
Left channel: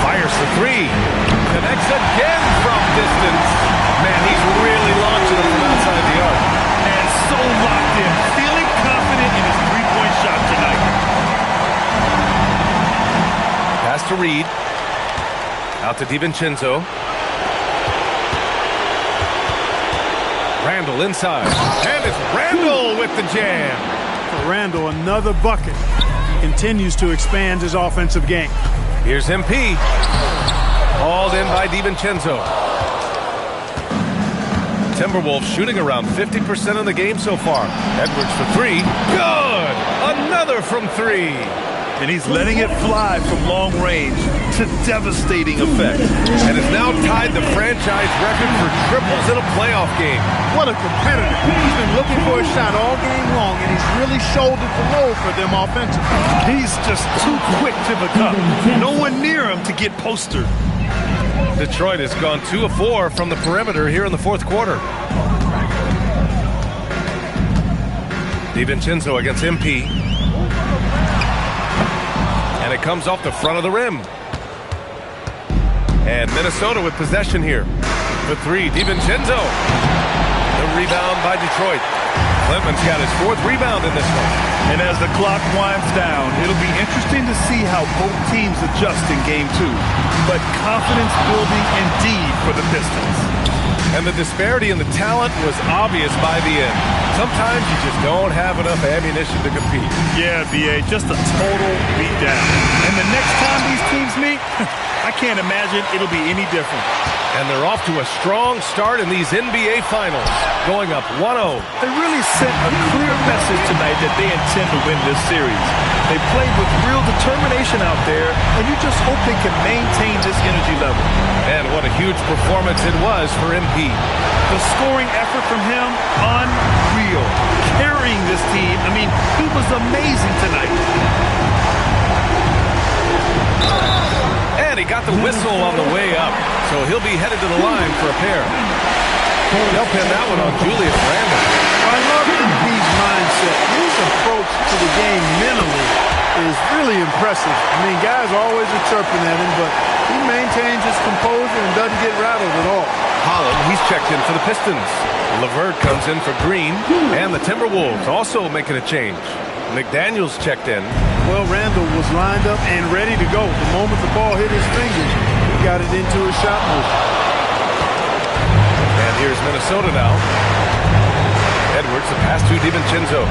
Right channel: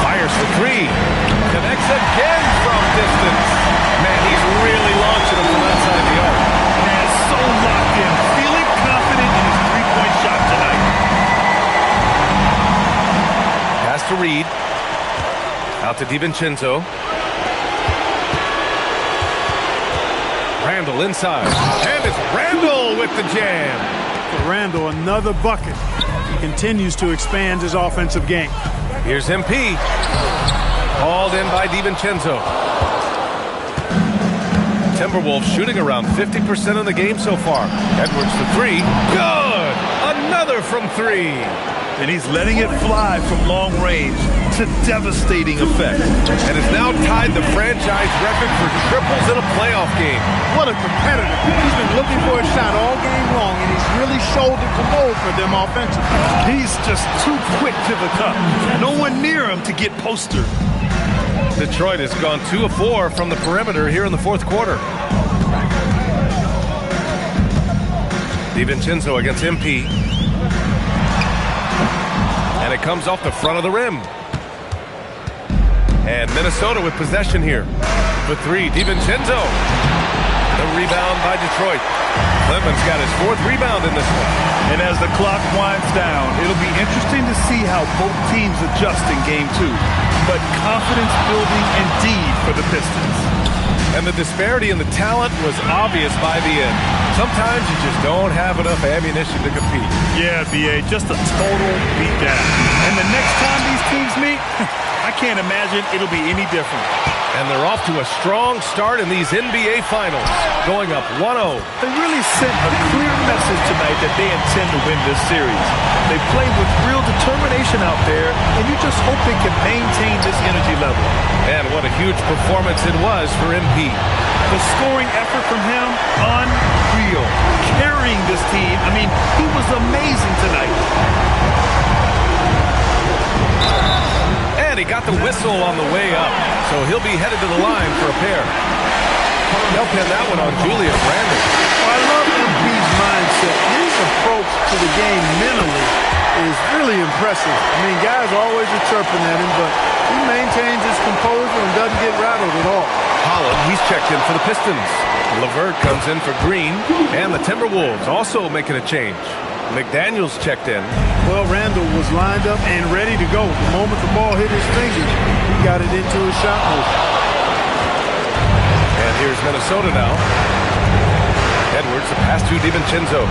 Fires the three. Connects again from distance. Man, he's really launching him from outside the arc. Man, so locked in. Feeling confident in his three-point shot tonight. Pass to Reed. Out to DiVincenzo. Randall inside. And it's Randall with the jam. For Randall, another bucket. He continues to expand his offensive game. Here's MP. Hauled in by DiVincenzo. Timberwolves shooting around 50% of the game so far. Edwards for three. Good! Another from three. And he's letting it fly from long range to devastating effect. And has now tied the franchise record for triples in a playoff game. What a competitor. He's been looking for a shot all game long, and he's really shouldered the load for them offensively. He's just too quick to the cup. No one near him to get postered. Detroit has gone 2 of 4 from the perimeter here in the fourth quarter. DiVincenzo against MP. And it comes off the front of the rim. And Minnesota with possession here. For three, DiVincenzo. The rebound by Detroit. Cleveland's got his 4th rebound in this one. And as the clock winds down, it'll be interesting to see how both teams adjust in Game 2. But confidence building indeed for the Pistons. And the disparity in the talent was obvious by the end. Sometimes you just don't have enough ammunition to compete. Yeah, B.A., just a total beatdown. And the next time these teams meet, I can't imagine it'll be any different. And they're off to a strong start in these NBA Finals, going up 1-0. They really sent a clear message tonight that they intend to win this series. They played with real determination out there, and you just hope they can maintain this energy level. And what a huge performance it was for MP. The scoring effort from him, unreal. Carrying this team, I mean, he was amazing tonight. And he got the whistle on the way up, so he'll be headed to the line for a pair. They'll pin that one on Julius Randle. Well, I love MP's mindset. His approach to the game mentally is really impressive. I mean, guys always are chirping at him, but he maintains his composure and doesn't get rattled at all. Holland, he's checked in for the Pistons. LeVert comes in for Green, and the Timberwolves also making a change. McDaniels checked in. Well, Randall was lined up and ready to go. The moment the ball hit his fingers, he got it into his shot motion. And here's Minnesota now. Edwards, the pass to DiVincenzo.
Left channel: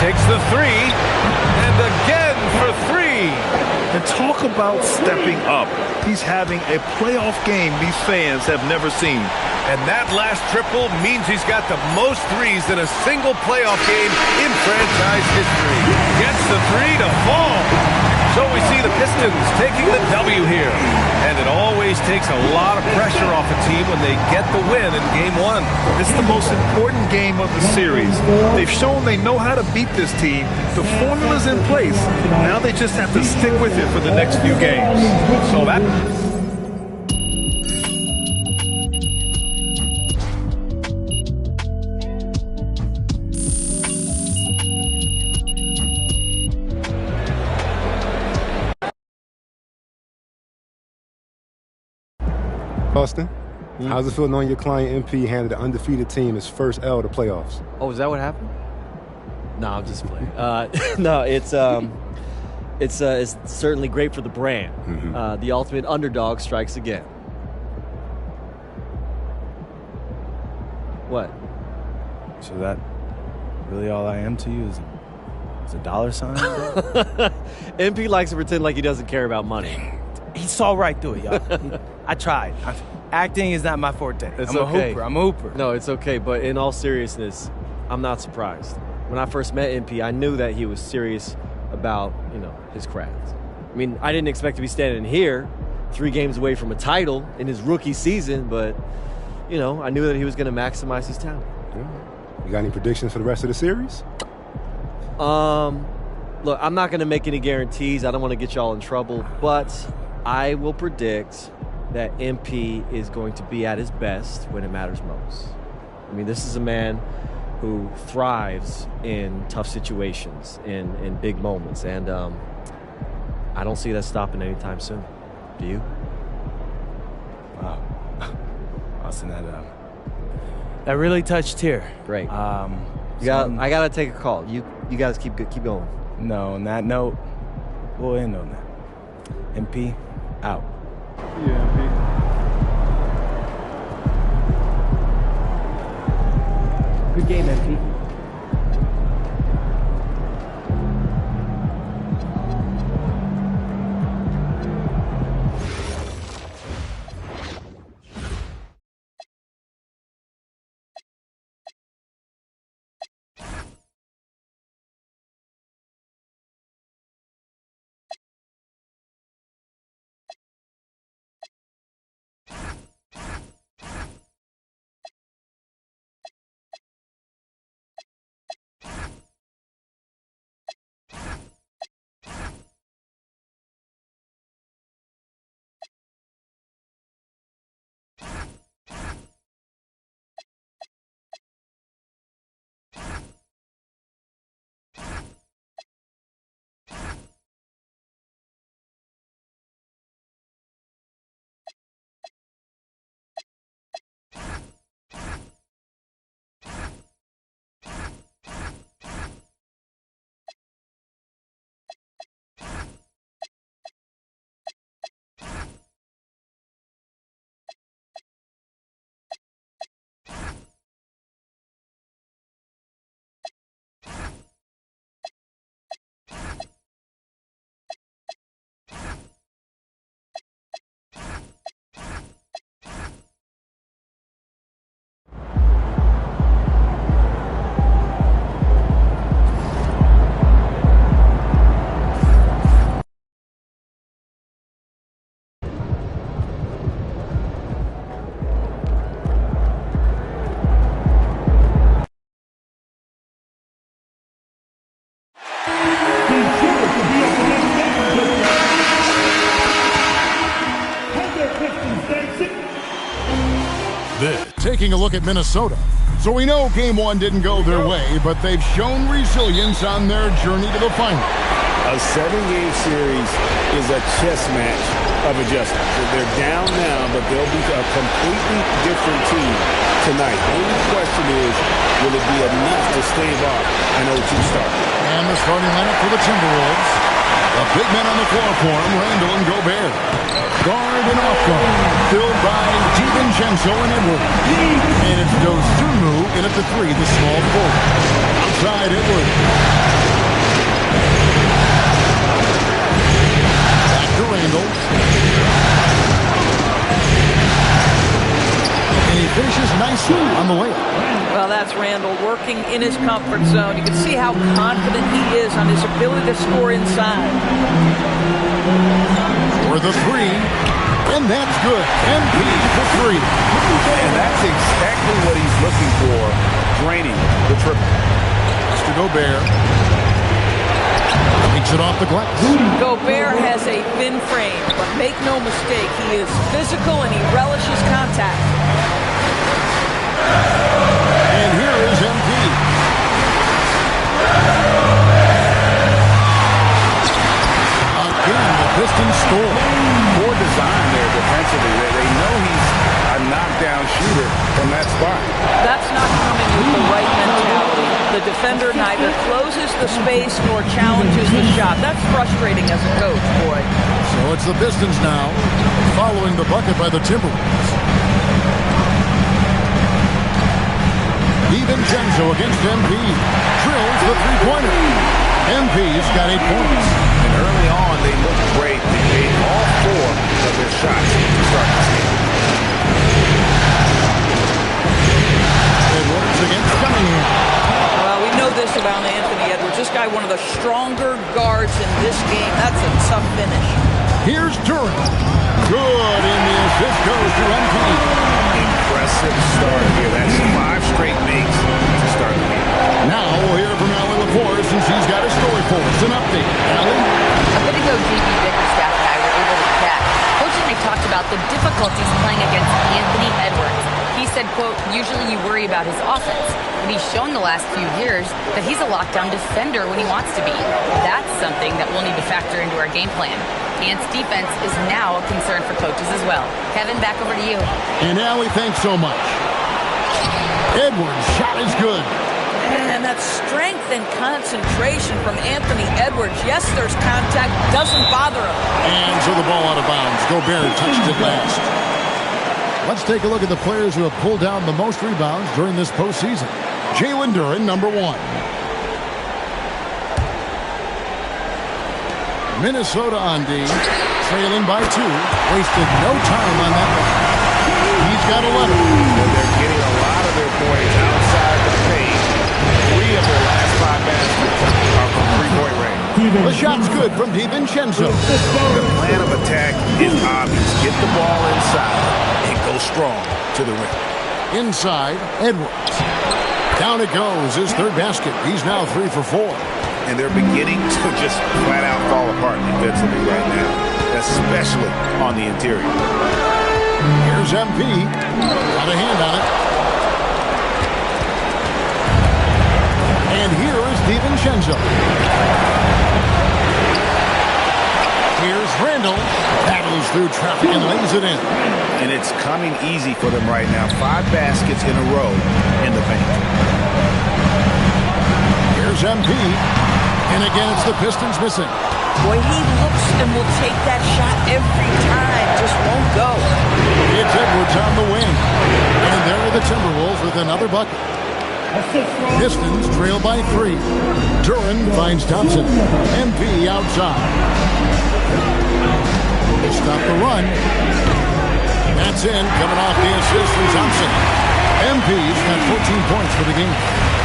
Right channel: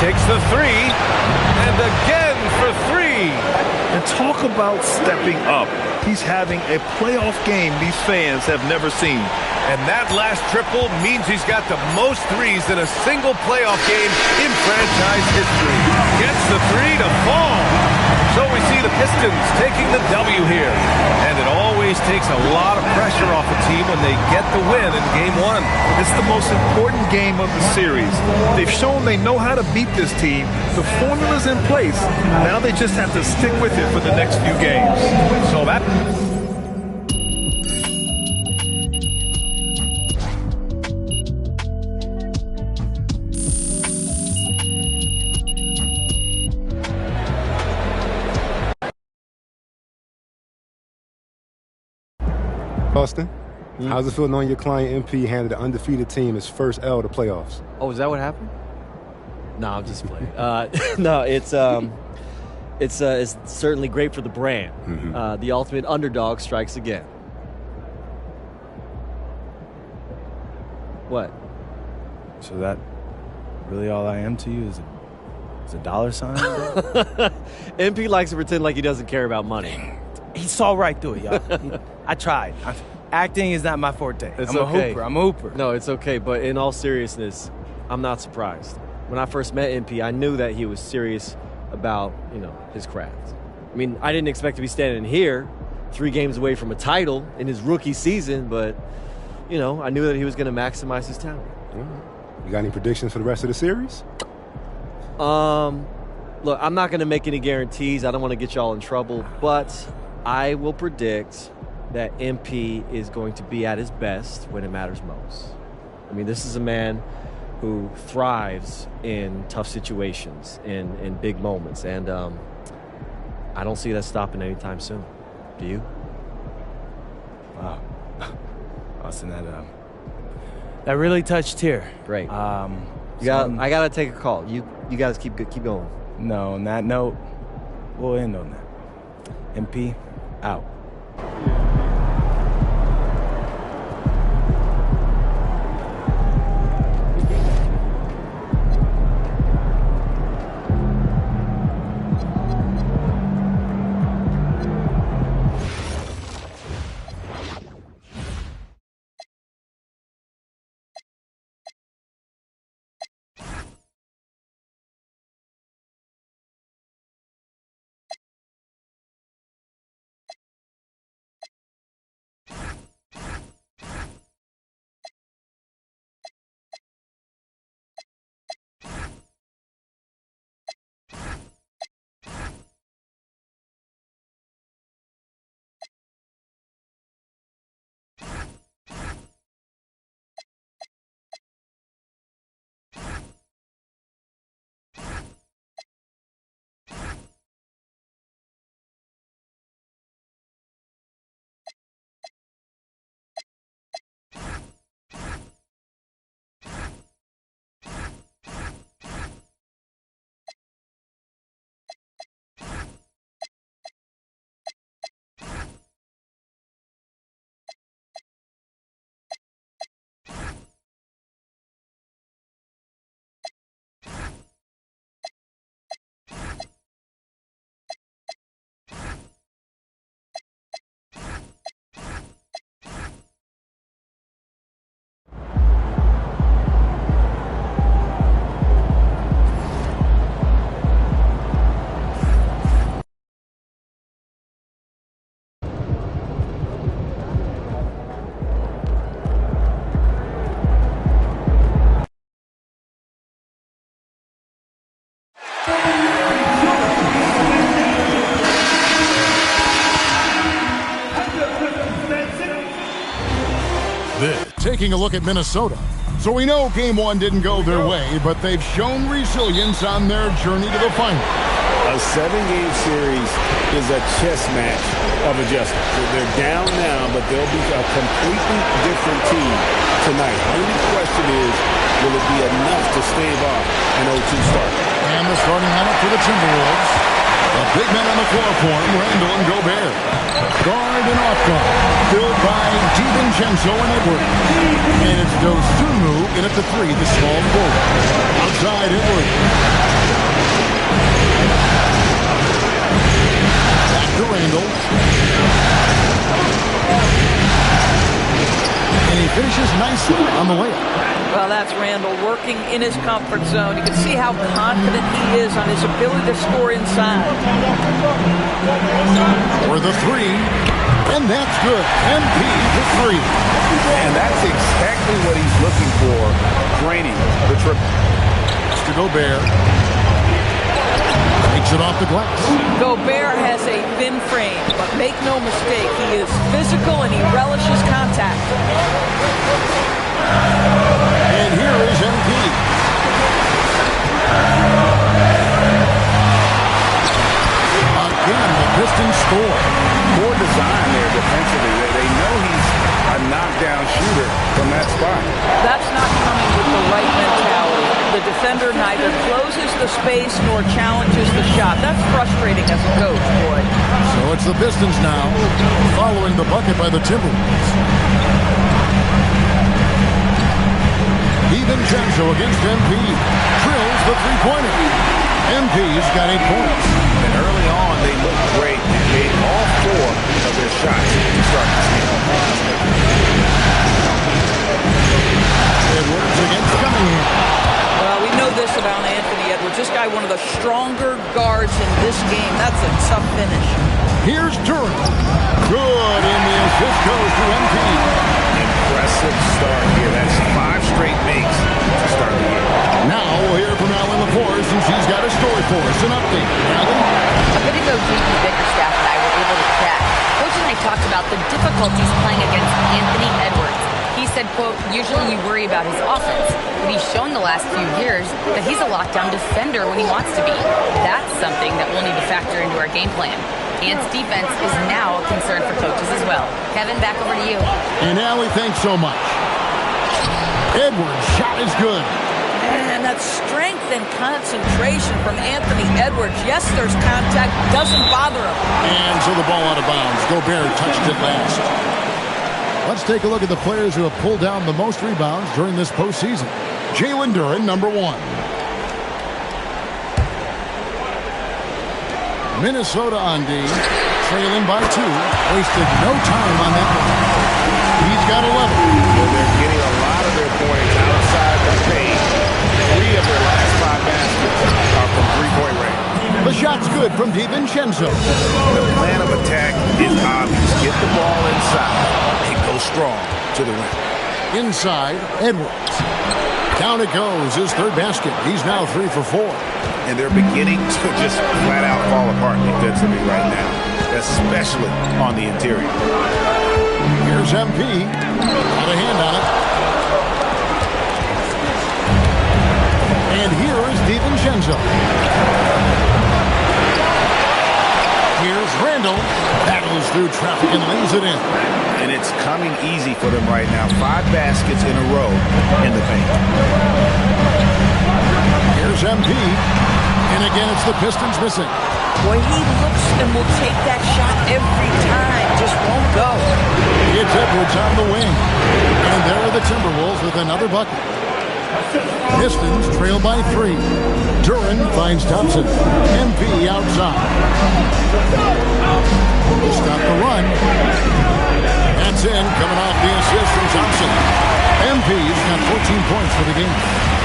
Takes the three, and again for three. And talk about stepping up. He's having a playoff game these fans have never seen. And that last triple means he's got the most threes in a single playoff game in franchise history. Gets the three to fall. So we see the Pistons taking the W here. And it always takes a lot of pressure off a team when they get the win in Game 1. It's the most important game of the series. They've shown they know how to beat this team. The formula's in place. Now they just have to stick with it for the next few games. So that... Austin, how's it feel knowing your client MP handed an undefeated team his first L to playoffs? Oh, is that what happened? No, I'm just playing. No, it's certainly great for the brand. Mm-hmm. The ultimate underdog strikes again. What? So that really all I am to you is a dollar sign? MP likes to pretend like he doesn't care about money. He saw right through it, y'all. I tried. Acting is not my forte. It's I'm okay. I'm a hooper. No, it's okay. But in all seriousness, I'm not surprised. When I first met MP, I knew that he was serious about, his craft. I mean, I didn't expect to be standing here 3 games away from a title in his rookie season, but, I knew that he was going to maximize his talent. You got any predictions for the rest of the series? Look, I'm not going to make any guarantees. I don't want to get y'all in trouble, but I will predict that MP is going to be at his best when it matters most. I mean, this is a man who thrives in tough situations, in big moments, and I don't see that stopping anytime soon. Do you? Wow. Austin, that really touched here. Great. I gotta take a call. You guys keep going. No, on that note, we'll end on that. MP, out. Good game, MP. Taking a look at Minnesota. So we know game one didn't go their way, but they've shown resilience on their journey to the final. A 7-game series is a chess match of adjustments. They're down now, but they'll be a completely different team tonight. Only question is, will it be enough to stave off an 0-2 start? And the starting lineup for the Timberwolves. The big men on the floor for him, Randall and Gobert. Guard and off guard, filled by DiVincenzo and Edwards. And it's Dosunmu in at the 3, the small forward. Outside Edwards. Back to Randall. And he finishes nicely on the layup. Well, that's Randall working in his comfort zone. You can see how confident he is on his ability to score inside. For the 3, and that's good. MP for 3. And that's exactly what he's looking for, draining the triple. Mr. Gobert takes it off the glass. Gobert has a thin frame, but make no mistake, he is physical and he relishes contact. And here is MP. Again, the Pistons score. Poor design there defensively. They know he's a knockdown shooter from that spot. That's not coming with the right mentality. The defender neither closes the space nor challenges the shot. That's frustrating as a coach, boy. So it's the Pistons now, following the bucket by the Timberwolves. DiVincenzo against MP. Drills the three-pointer. MP's got 8 points. And early on, they looked great. They made all 4 of their shots to start this game. Edwards against Cunningham. Well, we know this about Anthony Edwards. This guy, one of the stronger guards in this game. That's a tough finish. Here's Duran. Good, and the assist goes to MP. Impressive start here. That's 5 straight makes to start the game. Now we'll hear from Allie LaForce, and she's got a story for us. An update. Allie? A bit ago, JB Bickerstaff and I were able to chat. Coach and I talked about the difficulties playing against Anthony Edwards. He said, quote, usually you worry about his offense, but he's shown the last few years that he's a lockdown defender when he wants to be. That's something that we'll need to factor into our game plan. Ant's defense is now a concern for coaches as well. Kevin, back over to you. And Allie, thanks so much. Edwards' shot is good. And that strength and concentration from Anthony Edwards. Yes, there's contact. Doesn't bother him. And so the ball out of bounds. Gobert touched it last. Let's take a look at the players who have pulled down the most rebounds during this postseason. Jalen Duran, number 1. Minnesota on D, trailing by 2. Wasted no time on that one. He's got 11. Well, they're getting a lot of their points outside the paint. 3 of their last 5 baskets are from three-point range. The shot's good from DiVincenzo. The plan of attack is obvious. Get the ball inside and go strong to the rim. Inside, Edwards. Down it goes, his 3rd basket. He's now 3 for 4. And they're beginning to just flat out fall apart defensively right now, especially on the interior. Here's MP. Got a hand on it. And here is DiVincenzo. Here's Randall. Battles through traffic and lays it in. And it's coming easy for them right now. 5 baskets in a row in the paint. Here's MP. And again, it's the Pistons missing. Boy, he looks and will take that shot every time. Just won't go. It's Edwards on the wing. And there are the Timberwolves with another bucket. Pistons trail by 3. Duran finds Thompson. MP outside. He stopped the run. That's in, coming off the assist from Thompson. MP's got 14 points for the game.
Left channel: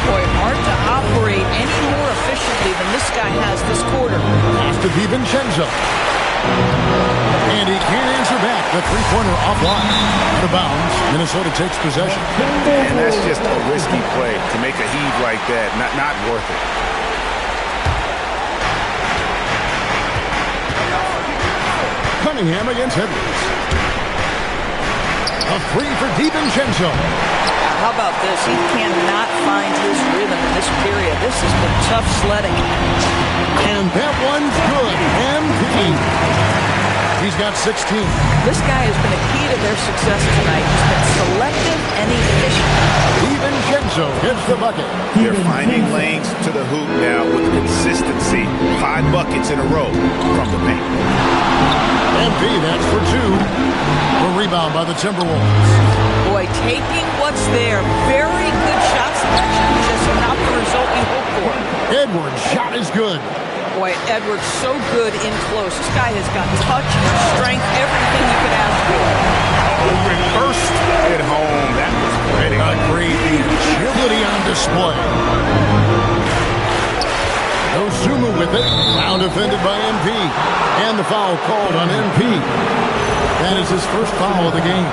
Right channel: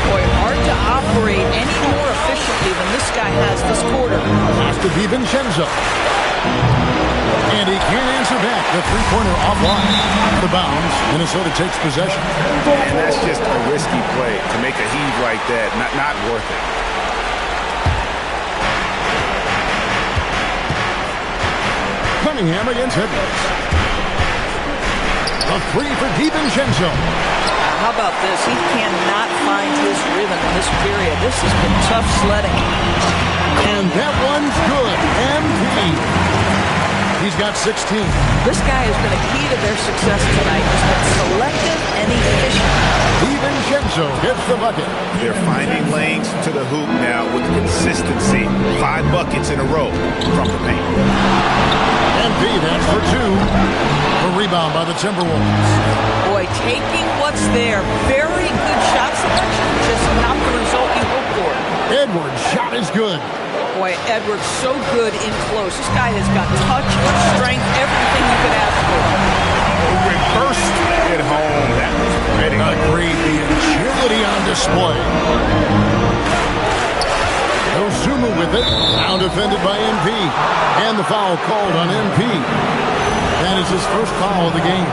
Boy, hard to operate any more efficiently than this guy has this quarter. Pass to DiVincenzo. And he can't answer back. The three-pointer offline. Out of bounds. Minnesota takes possession. And that's just a risky play to make a heave like that. Not worth it. Cunningham against Edwards. A three for DiVincenzo. How about this? He cannot find his rhythm in this period. This has been tough sledding. And that one's good. MP. He's got 16. This guy has been a key to their success tonight. He's been selective and efficient. DiVincenzo hits the bucket. They're finding lanes to the hoop now with consistency. 5 buckets in a row from the paint. MP, that's for 2. A rebound by the Timberwolves. Boy, taking what's there. Very good shot selection, just not the result you hope for. Edwards' shot is good. Boy, Edwards so good in close. This guy has got touch, strength, everything you could ask for. Reversed at home. That was pretty. Agreed. The agility on display. Ozumu with it. Now defended by MP. And the foul called on MP. That is his first foul of the game.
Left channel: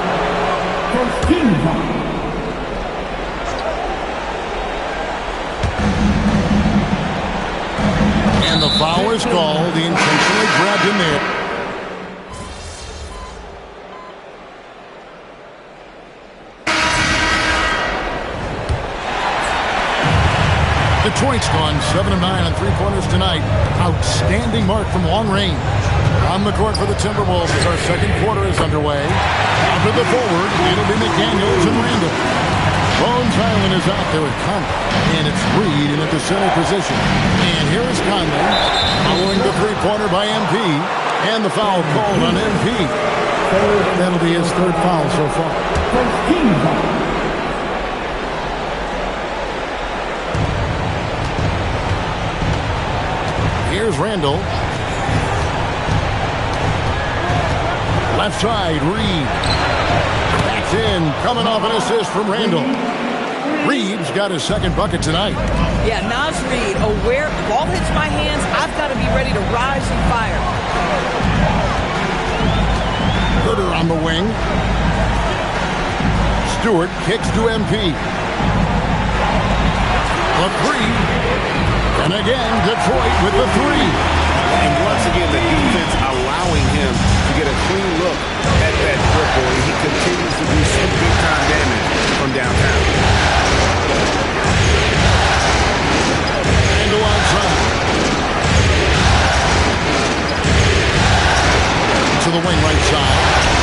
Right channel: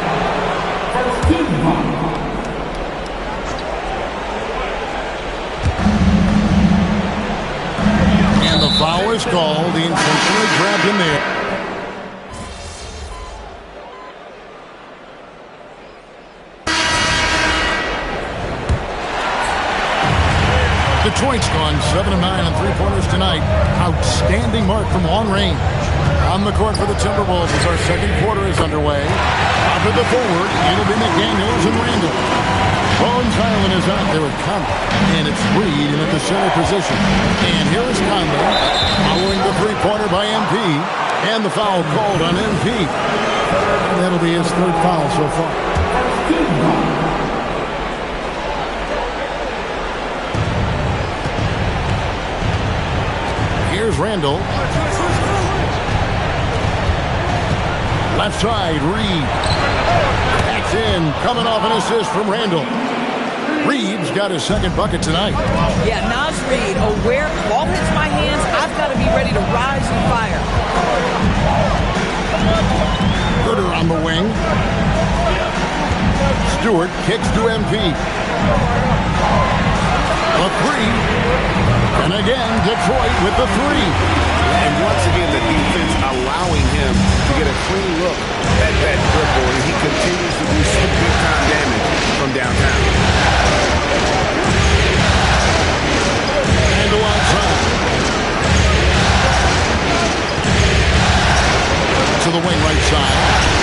And the foul is called. He intentionally grabbed him there. Detroit's gone 7 of 9 on three-pointers tonight. Outstanding mark from long range. On the court for the Timberwolves as our second quarter is underway. Out to the forward, it'll be McDaniels and Randall. Bones Hyland is out there with Conley. And it's Reed in at the center position. And here is Conley following the three-pointer by MP. And the foul called on MP. And that'll be his third foul so far. Here's Randall. Left side, Reed. Backs in, coming off an assist from Randall. Reed's got his second bucket tonight. Yeah, Naz Reid, aware, ball hits my hands, I've got to be ready to rise and fire. Herter on the wing. Stewart kicks to MP. A three. And again, Detroit with the three. And once again, the defense allowing him to get a clean look at that dribble, and he continues to do some big-time damage from downtown. And outside. To the wing right side.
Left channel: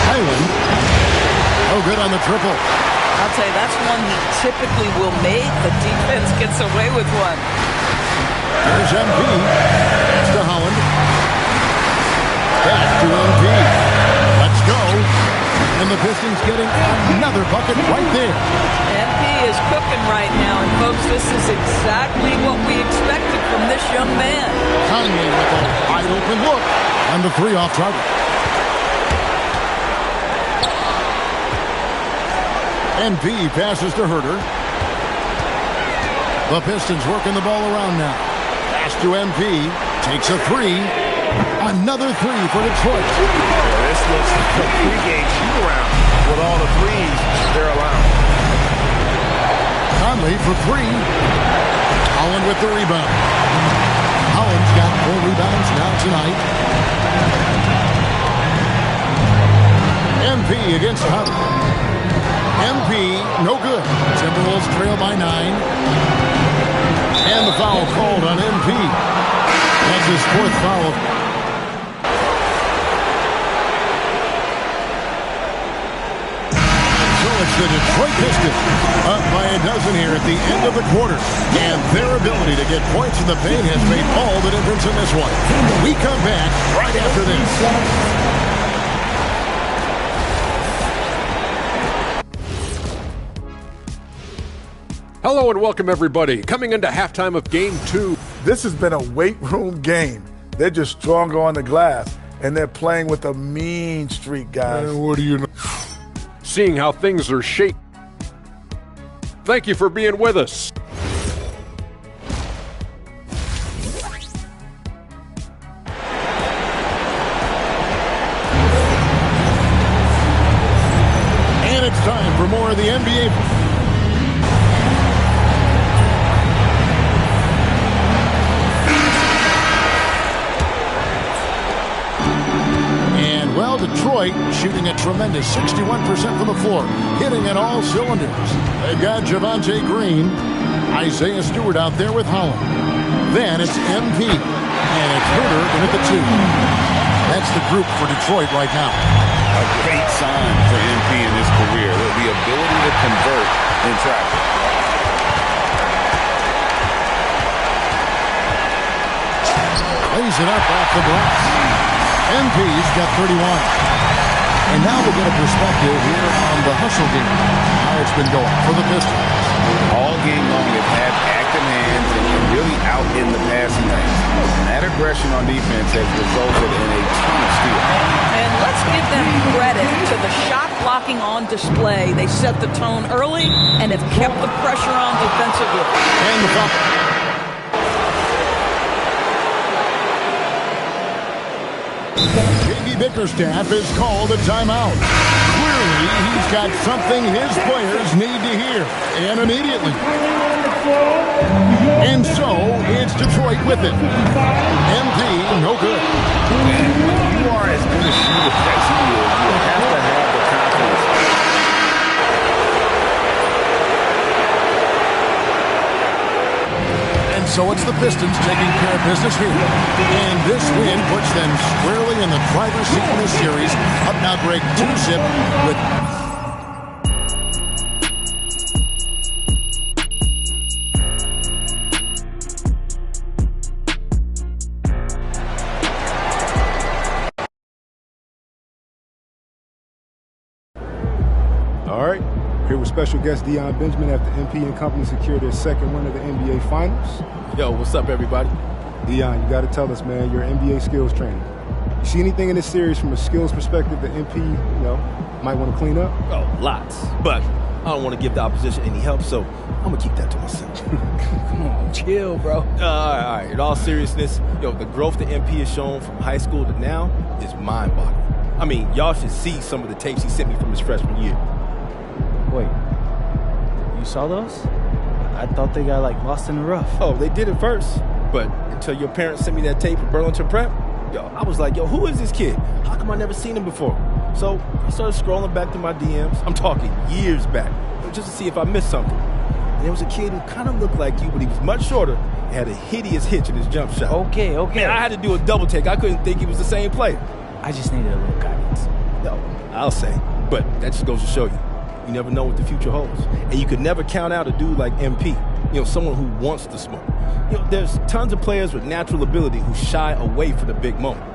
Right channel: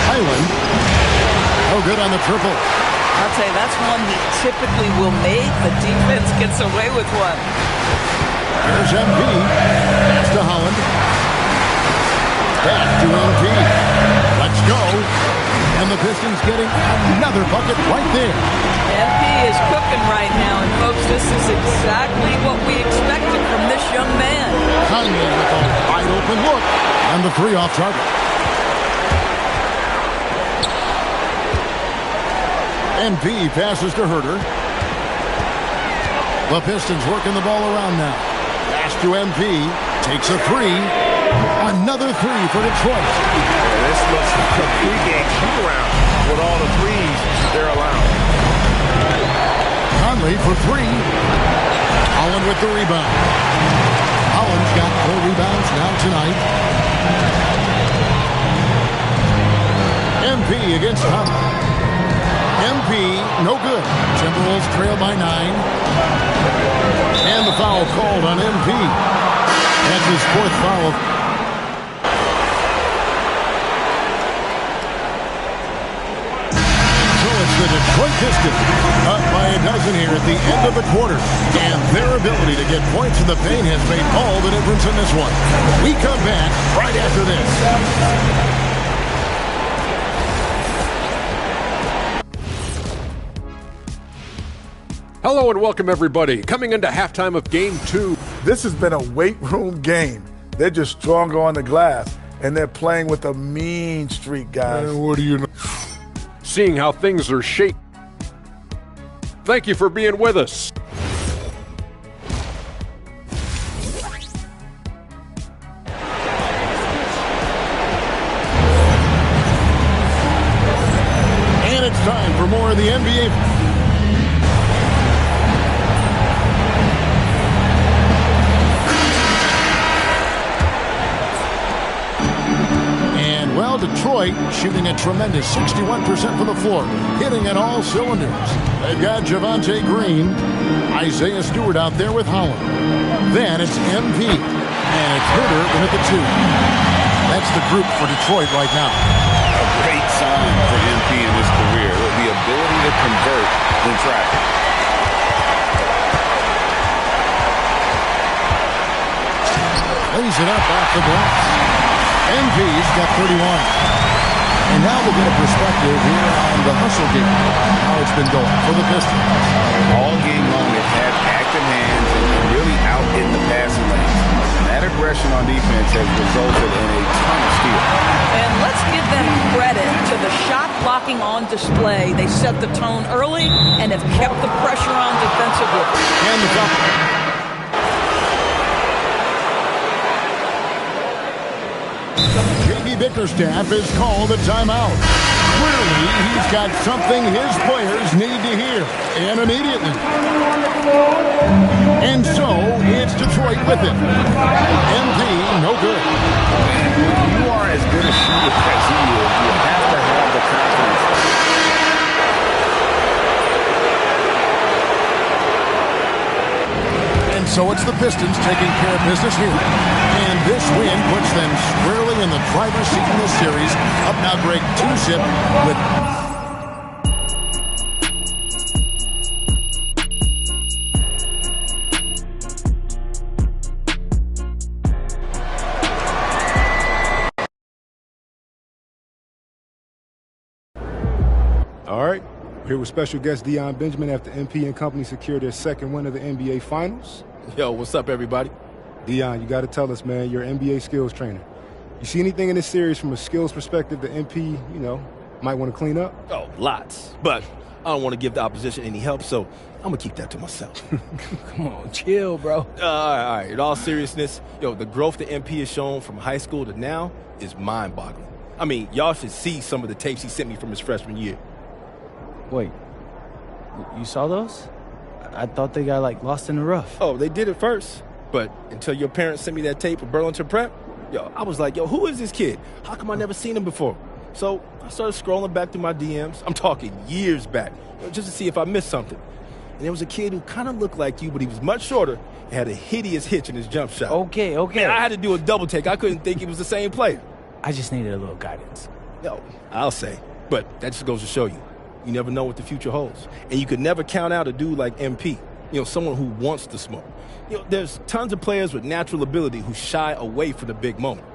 Hyland. Oh, good on the triple. I'll tell you, that's one he typically will make. The defense gets away with one. Here's MP. Pass to Holland. Back to MP. Let's go. And the Pistons getting another bucket right there. MP is cooking right now. And, folks, this is exactly what we expected from this young man. Conley with a wide open look. And the three off target. MP passes to Herter. The Pistons working the ball around now. Pass to MP. Takes a three. Another three for Detroit. Yeah, this looks like a pregame shoot-around with all the threes they're allowing. Conley for three. Holland with the rebound. Holland's got 4 rebounds now tonight. MP against Conley. MP, no good. Timberwolves trail by 9. And the foul called on MP. That's his 4th foul. So it's the Detroit Pistons up by a dozen here at the end of the quarter. And their ability to get points in the paint has made all the difference in this one. We come back right after this. Hello and welcome, everybody. Coming into halftime of Game 2. This has been a weight room game. They're just stronger on the glass, and they're playing with a mean streak, guys. What do you know? Seeing how things are shaking. Thank you for being with us. And it's time for more of the NBA. Well, Meanwhile, Detroit shooting a tremendous 61% from the floor, hitting at all cylinders. They've got Javonte Green, Isaiah Stewart out there with Holland. Then it's MP, and it's Herter in at the 2. That's the group for Detroit right now. A great sign for MP in his career, the ability to convert in traffic. Lays it up off the glass. MP's got 31. And now we'll get a perspective here on the hustle game, how it's been going for the Pistons. All game long, they've had active hands and really out in the passing lanes. And that aggression on defense has resulted in a ton of steals. And let's give them credit to the shot blocking on display. They set the tone early and have kept the pressure on defensively. And the foul. J.B. Bickerstaff has called a timeout. Clearly, he's got something his players need to hear, and immediately. And so, it's Detroit with it. MP, no good. And when you are as good a shooter as he is, you have to have the confidence. And so it's the Pistons taking care of business here. And this win puts them squarely in the driver's seat in this series. Up now, Greg, 2-zip with... All right. Here with special guest Deion Benjamin after MP and company secured their second win of the NBA Finals. Yo, what's up, everybody? Deion, you got to tell us, man, you're an NBA skills trainer. You see anything in this series from a skills perspective that MP, might want to clean up? Oh, lots. But I don't want to give the opposition any help, so I'm going to keep that to myself. Come on, chill, bro. All right. In all seriousness, the growth that MP has shown from high school to now is mind-boggling. I mean, y'all should see some of the tapes he sent me from his freshman year. Wait, you saw those? I thought they got, lost in the rough. Oh, they did it first. But until your parents sent me that tape at Burlington Prep, I was like, who is this kid? How come I never seen him before? So I started scrolling back through my DMs. I'm talking years back, just to see if I missed something. And there was a kid who kind of looked like you, but he was much shorter and had a hideous hitch in his jump shot. Okay. Man, I had to do a double take. I couldn't think he was the same player. I just needed a little guidance. No, I'll say. But that just goes to show you. You never know what the future holds. And you could never count out a dude like MP, someone who wants to smoke. There's tons of players with natural ability who shy away from the big moment.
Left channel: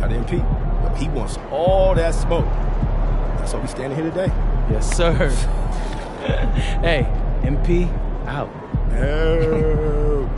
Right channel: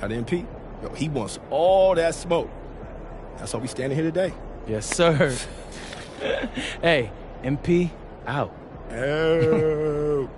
Now the MP, he wants all that smoke. That's why we standing here today. Yes, sir. Hey, MP, out. Oh.